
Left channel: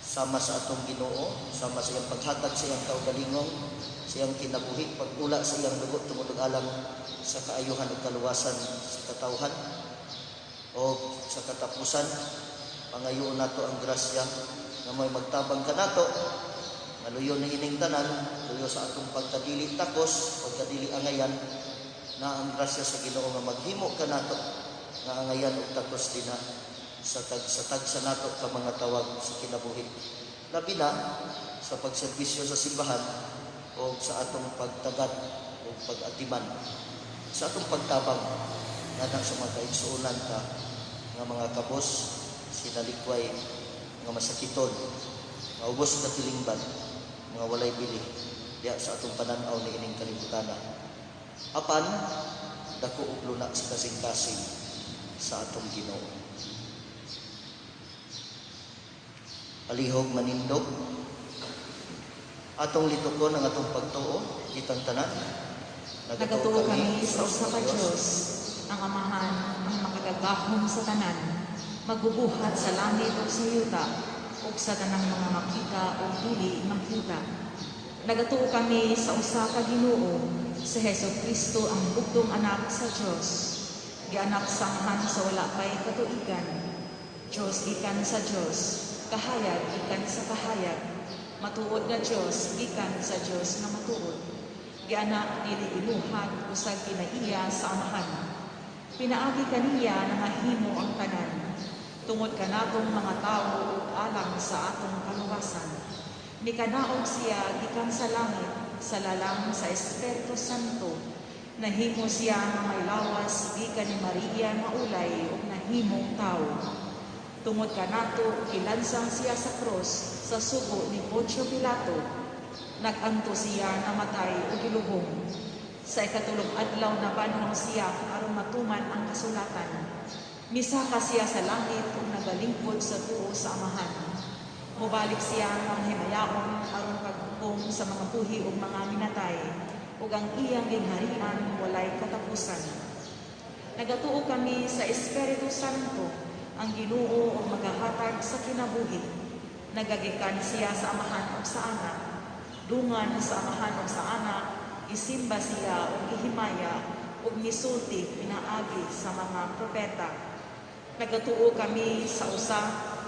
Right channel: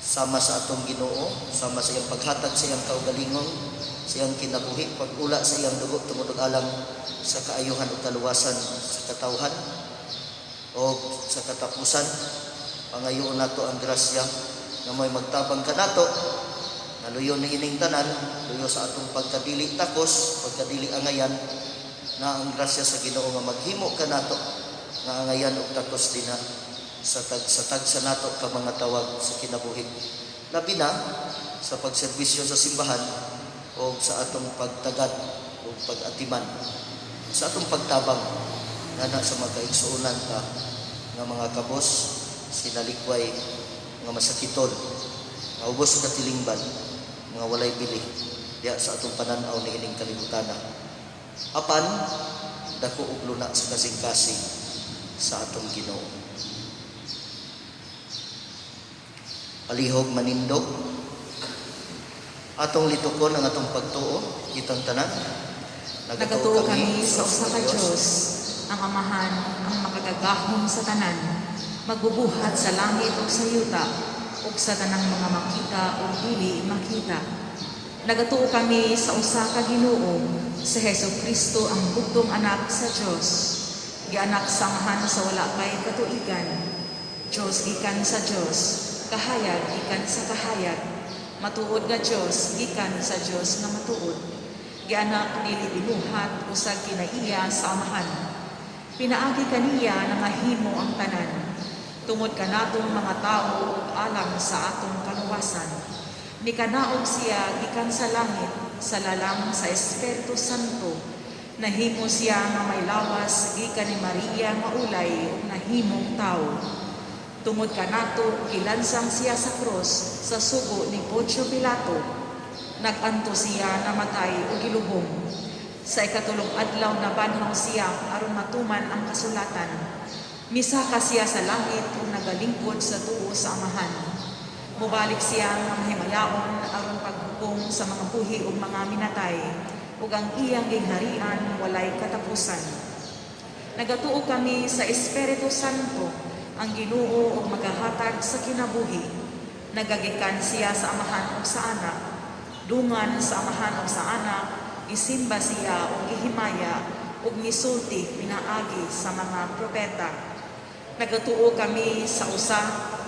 sama sa atong Ginoo, sama sa iyang paghatag sa iyang kaugalingon, sa iyang kinabuhi, pag-ula sa iyang dugo tumudog alam sa kaayuhan ug kaluwasan sa katawhan o sa katapusan. Pangayoon nato ang grasya nga may magtabang kanato, naluyo ni ining tanan, luyo sa atong pagkadili takos, pagkadili angayan, na ang grasya sa Ginoo nga maghimo kanato nga angayan ug takos dina sa tagsa nato ka mga tawag sa kinabuhi. Labi na sa pagserbisyo sa simbahan o sa atong pagtagad o pag-atiman, sa atong pagtabang nga sa mga kaigsuonan ka nga mga kabos, sinalikway, nga masakiton, nga ubos sa katilingban, mga walay bili diya sa atong pananaw ni ining kalibutana. Apan dako ug luna sa kasing-kasing sa atong Ginoo. Palihog manindog atong litukon ang atong pagtuo kitang tanan. Nagatuo kami sa usa ka Dios, ang Amahan, ang makagagahom sa tanan, magbubuhat sa langit ug sa yuta, ug sa tanang mga makita ug dili makita. Nagatuo kami sa usa ka Ginoo, sa Hesukristo ang bugtong anak sa Dios, gianak sa Amahan sa wala pay katuigan, Dios gikan sa Dios, kahayag gikan sa kahayag, matuod nga Dios gikan sa Dios nga matuod. Gianak dili binuhat usag kinaiya sa Amahan. Pinaagi kaniya na mahimo ang tanan. Tungod kanatong mga tao alang sa atong kaluwasan. Nikanaog siya gikan sa langit, sa lalang sa Espiritu Santo. Nahimo siya nga may lawas gikan ni Maria maulay ug nahimong tao. Tungod kanato kilansang siya sa krus sa sugo ni Poncio Pilato. Naganto siya namatay o gilubong. Sa ikatulong adlaw na banhaw siya aron matuman ang kasulatan. Misaka siya sa langit o nagalingkod sa tuo sa Amahan. Mubalik siya ng himayaon aron paghukom sa mga buhi o mga minatay ug ang iyang gingharian walay katapusan. Nagatuo kami sa Espiritu Santo, ang Ginoo o magahatag sa kinabuhi. Nagagikan siya sa Amahan o sa Anak, dungan sa Amahan o sa Anak, isimba siya o gihimaya ug misulti pinaagi sa mga propeta. Nagatuo kami sa usa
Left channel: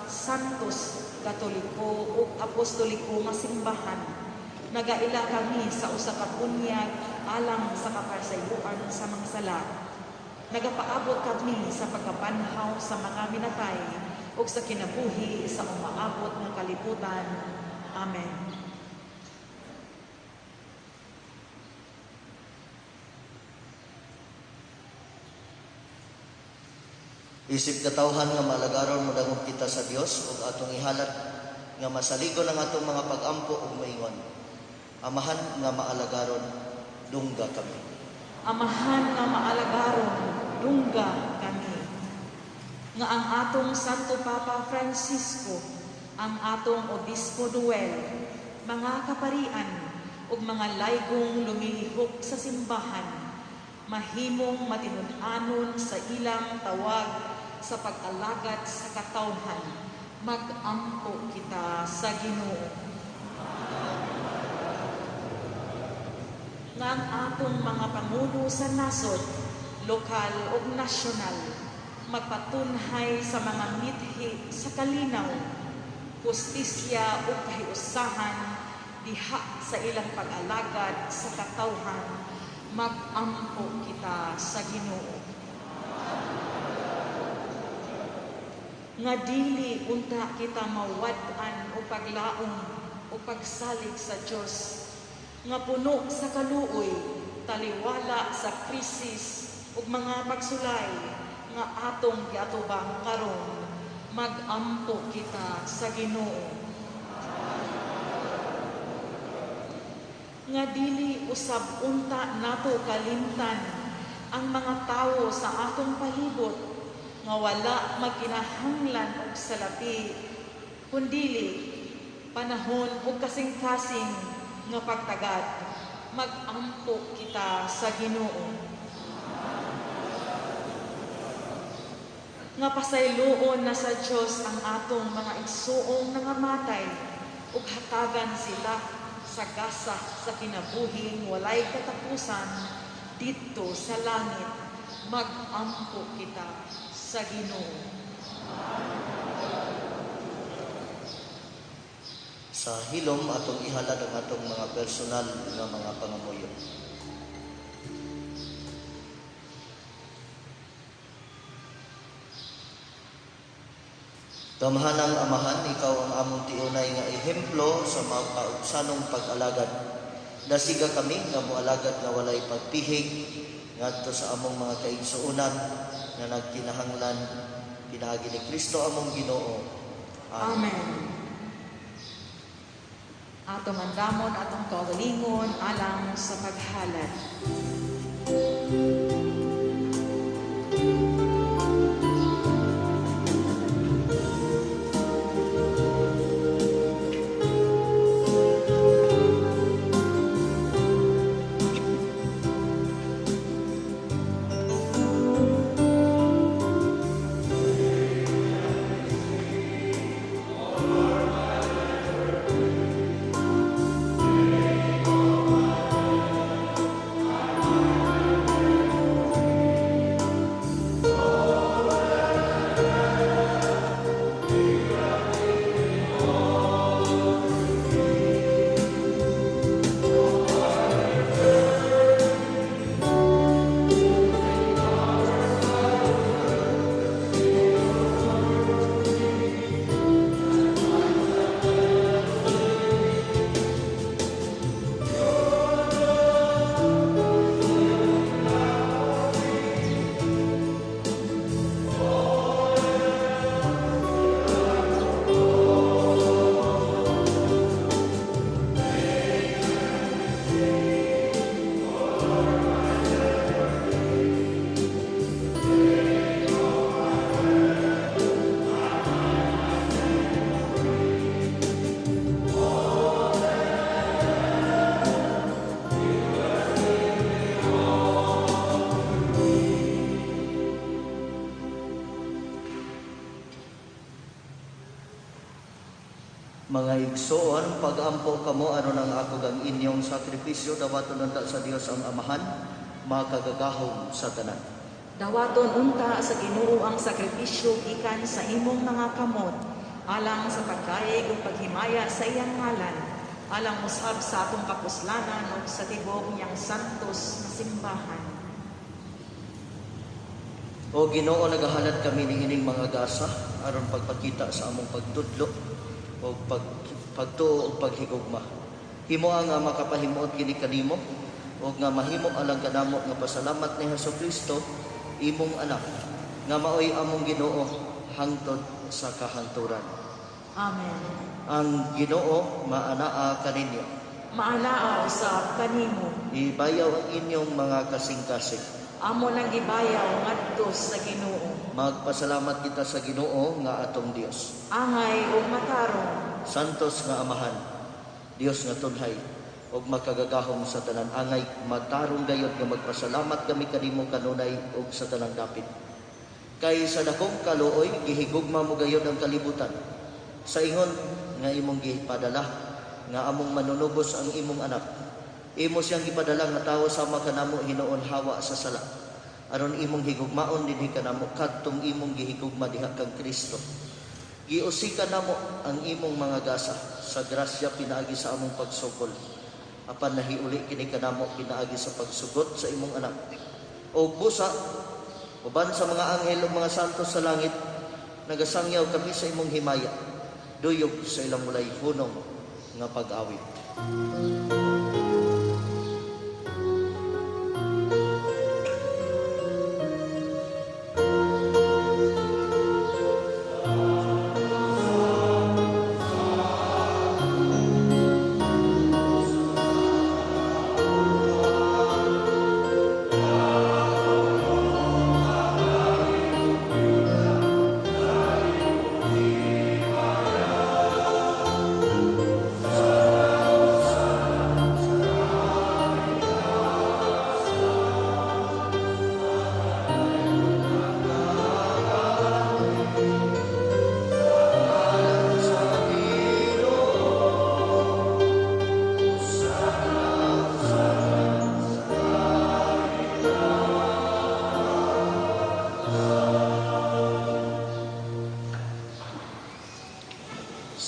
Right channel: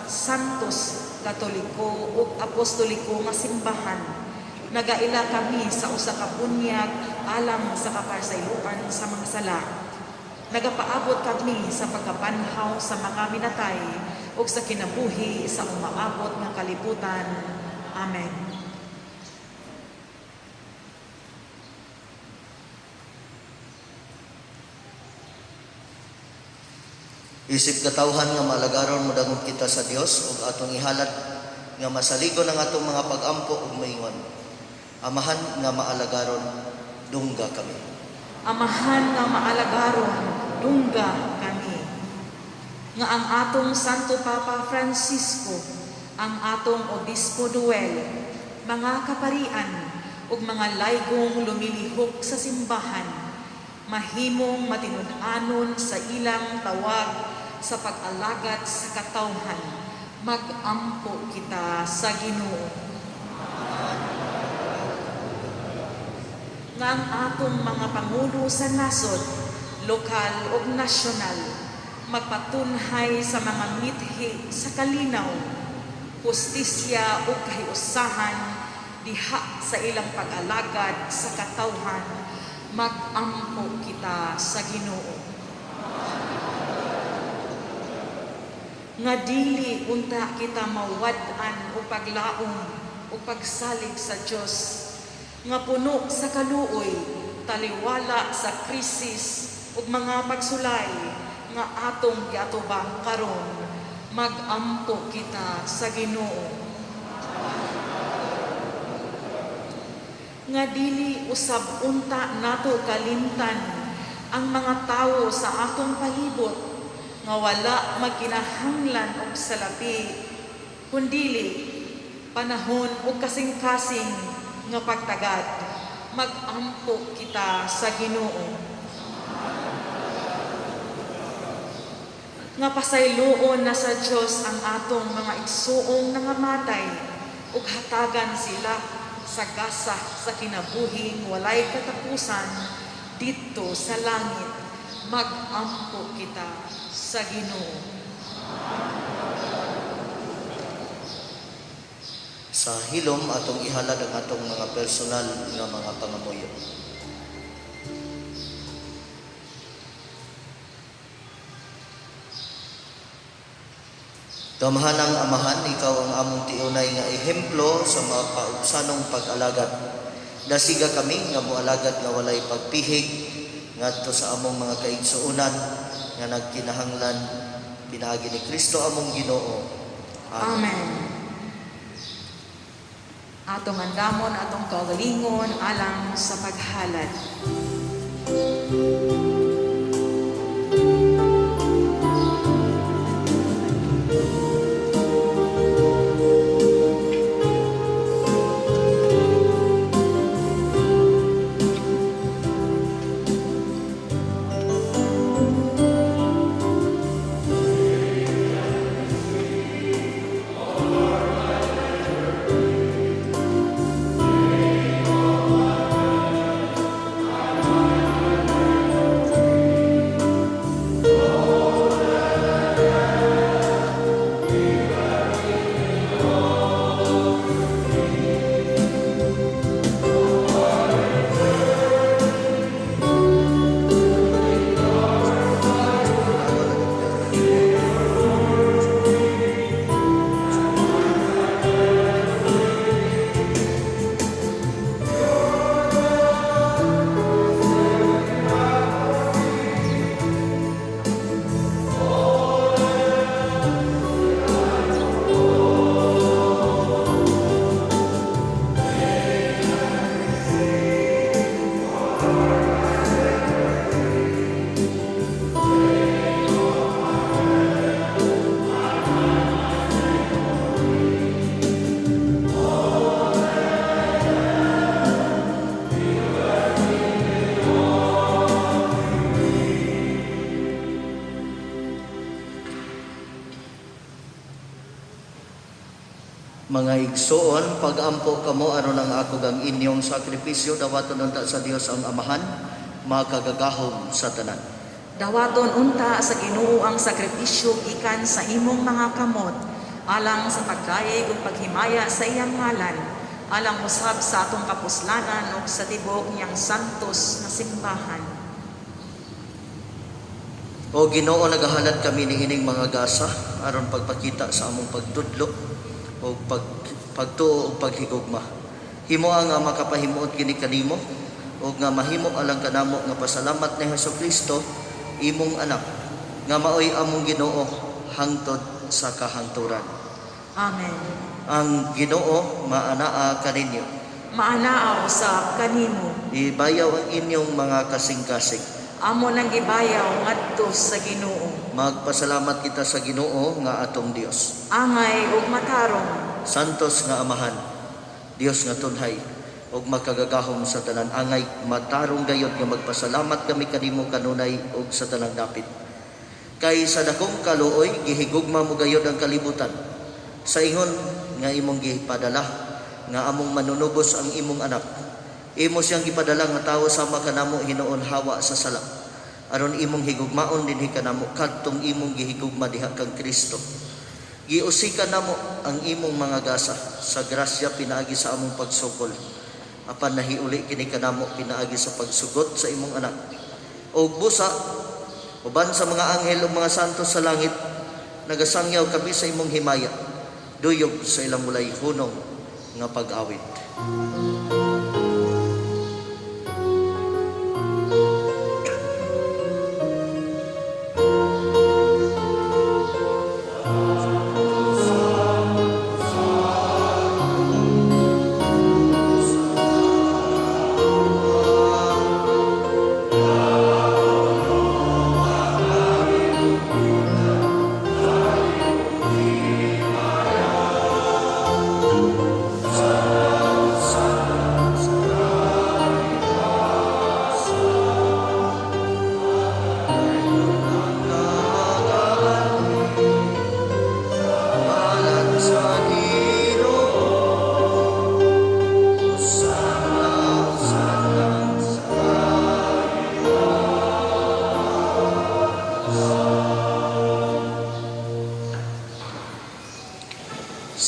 santos, katoliko ug apostoliko nga simbahan. Nagaila kami sa usa ka bunyag alang sa kaparsayloan sa mga sala. Nagapaabot kami sa pagkabanhaw sa mga minatay ug sa kinabuhi sa umaabot nga kalibutan. Amen. Isip katawhan nga maalagaron mo dangog kita sa Dios ug atong ihalat nga masaligon ang atong mga pag-ampo ug maingon. Amahan nga maalagaron, dungga kami. Amahan nga maalagaron, dungga kami. Nga ang atong Santo Papa Francisco, ang atong Obispo Noel, mga kaparian ug mga laygong lumilihok sa simbahan, mahimong matinud-anon sa ilang tawag sa pag-alagad sa katawhan, mag-ampo kita sa Ginoo. Nga ang atong mga pangulo sa nasod, lokal ug nasyonal, magpatunhay sa mga mithi sa kalinaw, hustisya ug kahiusahan diha sa ilang pag-alagad sa katawhan, mag-ampo kita sa Ginoo. Nga dili unta kita mawad-an o paglaom o pagsalig sa Dios, nga puno sa kaluoy, taliwala sa krisis ug mga pagsulay nga atong giatubang karon, mag-ampo kita sa Ginoo. Nga dili usab unta nato kalimtan ang mga tawo sa atong palibot, nga wala magkinahanglan og salapi, kundili panahon ug kasing-kasing nga pagtagad, mag-ampo kita sa Ginoo. Nga pasayloon na sa Dios ang atong mga igsuong nangamatay ug hatagan sila sa gasa sa kinabuhing walay katapusan dito sa langit, mag-ampo kita sa Ginoo. Sa hilom atong ihalad ang atong mga personal nga mga pangamuyo. Gamahanang Amahan, ikaw ang among tiunay nga ehemplo sa mga paubsanong pag-alagad. Dasiga kami nga moalagad nga walay pagpihig ngadto sa among mga kaigsuonan nga nagkinahanglan pinaagi ni Kristo among Ginoo. Amen. Atong andamon, atong kaugalingon alang sa paghalad. Mga igsoon, pag-ampo kamo aron ang ako ang inyong sakripisyo, dawaton unta sa Dios ang Amahan, makagagahom sa tanan. Dawaton unta sa Ginoo ang sakripisyo gikan sa imong mga kamot, alang sa pagkaig ug paghimaya sa iyang ngalan, alang usab sa atong kapuslanan ug sa tibok niyang santos nga simbahan. O Ginoo, nagahalad kami ni ining mga gasa aron pagpakita sa among pagtudlo o pagtuo o paghigugma. Himo nga makapahimuot kini kanimo o nga mahimo alang kanamo nga pasalamat ni Hesukristo, imong anak, nga maoy among Ginoo hangtod sa kahangturan. Amen. Ang Ginoo maanaa kaninyo. Maanaa usab kanimo. Ibayaw ang inyong mga kasing-kasing. Amo nang gibayaw ngadto sa Ginoo. Magpasalamat kita sa Ginoo nga atong Dios. Angay ug matarong. Santos nga Amahan, Dios nga tunhay, ug makagagahom sa tanan, angay matarong gayod nga magpasalamat kami kanimo kanunay ug sa tanang dapit. Kay sa dakong kaluoy gihigugma mo gayod ang kalibutan. Sa ingon nga imong gipadala nga among manunubos ang imong anak. Imo siyang gipadala nga tawo sama kanamo hinuon hawa sa sala. Aron imong higugmaon dinhi kanamo kadtong imong gihigugma diha kang Kristo. Giusikan namo ang imong mga gasa sa grasya pinaagi sa among pagsukol. Apan nahiuli kini kanamo pinaagi sa pagsugot sa imong anak. O busa uban sa mga anghel ug mga santos sa langit, nagasangyaw kami sa imong himaya, duyog sa ilang mulay hunong nga pag-awit.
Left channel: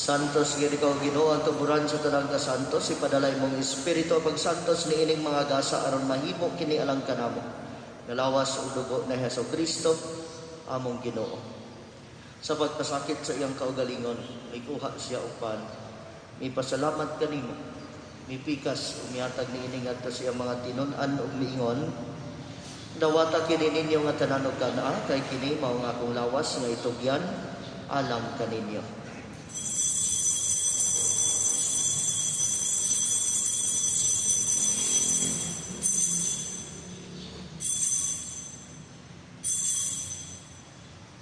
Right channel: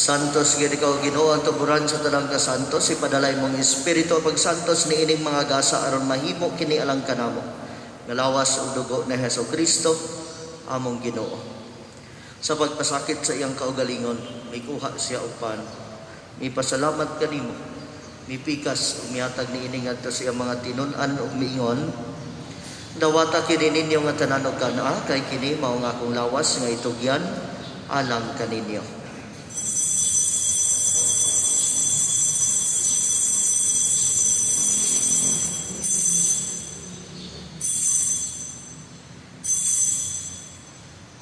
Santos gid ikaw Ginoo ang tuburan sa tanang ka santos, ipadalay mong espiritu pag santos ni ining mga gasa aron mahimo kini alang kanamo. Ngalawas og dugo ni Hesukristo among Ginoo. Sa pagpasakit sa iyang kaugalingon, may kuha siya og pan. Mipasalamat kanimo. Mipikas ug mihatag ni ini ngadto sa iyang mga tinun-an ug miingon. Dawata kini ninyo nga tanan og kana kay kini mao nga akong lawas nga itugyan alang kaninyo.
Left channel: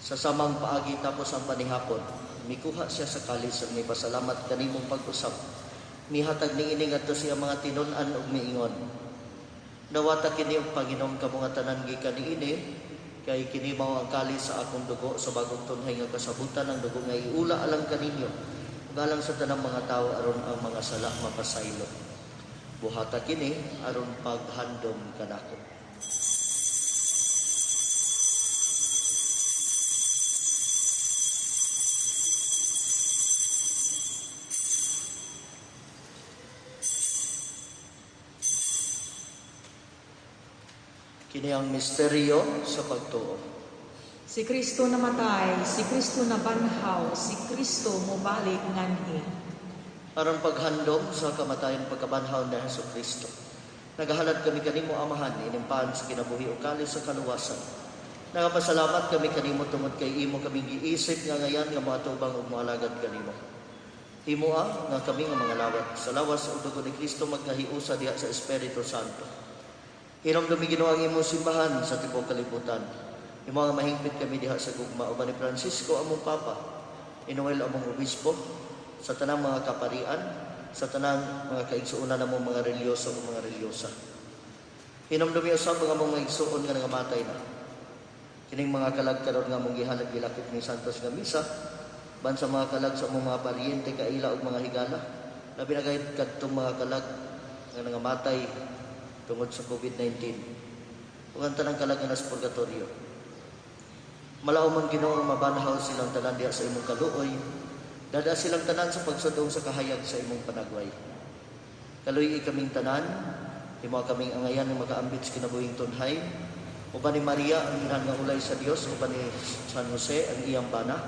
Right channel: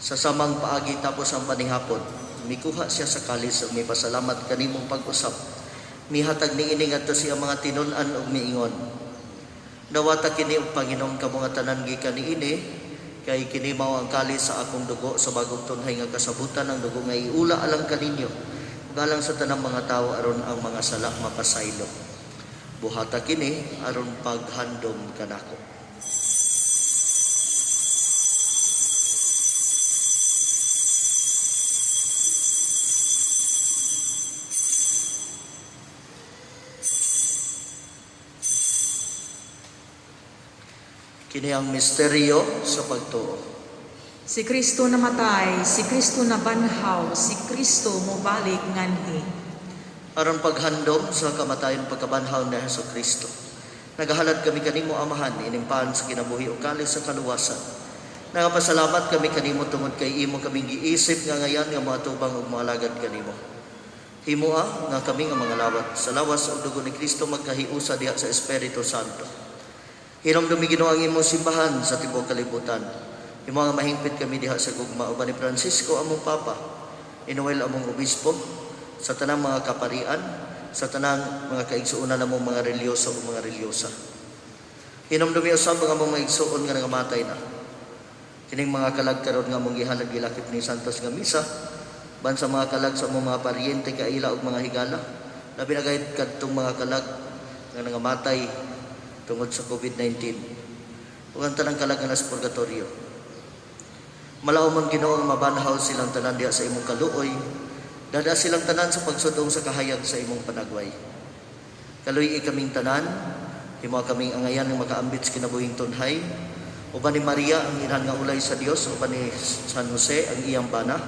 Sa samang paagi tapos ang panihapon, mikuha siya sa kalis ug mipasalamat kanimong pag-usap. Mihatag ni ini ngadto siya mga tinun-an ug miingon. Dawata kini og Panginoong kamong tanan gikan niini, kay kini mao ang kalis sa akong dugo sa bagong tunhay nga kasabutan ang dugo nga iula alang kaninyo. Galang sa tanang mga tawo aron ang mga sala mapasaylo. Buhata kini aron paghandom kanako. Kini ang misteryo sa pagtuo. Si Kristo namatay, si Kristo nabanhaw, si Kristo mobalik nganhi. Aron paghandom sa kamatayon pagkabanhaw ni Hesukristo. Nagahalad kami kanimo amahan inimpaan sa kinabuhi ug kalis sa kaluwasan. Nagapasalamat kami kanimo tungod kay imo kaming giisip nga ngayan nga moatubang ug moalagad kanimo. Himoa nga kami nga mga lawat sa lawas ug dugo ni Kristo magkahiusa diha sa Espiritu Santo. Hinumdumi Ginoo ang imong simbahan sa tibuok kalibutan. Imo nga mahingpit kami diha sa gugma uban ni Francisco among Papa, ni Noel among Obispo, sa tanang mga kaparian, sa tanang mga kaigsuonan namong mga relyoso o mga relyosa. Hinumdumi usab ang among mga igsuon nga nangamatay na. Kining mga kalag karon nga among gihalad gilakip ni Santos nga misa, ban sa mga kalag sa among mga paryente kaila ug mga higala, labi na gayud kadtong mga kalag nga nangamatay tungod sa COVID-19 ug ang tanang kalag nga nasa purgatorio. Malaumon Ginoo mabanhaw silang tanan diha sa imong kaluoy, dada silang tanan sa pagsudong sa kahayag sa imong panagway. Kaluy kaming tanan, himo kaming angayan nga makaambit sa kinabuhing tunhay, uban ni Maria ang ilang nga ulay sa Dios, uban ni San Jose ang iyang bana,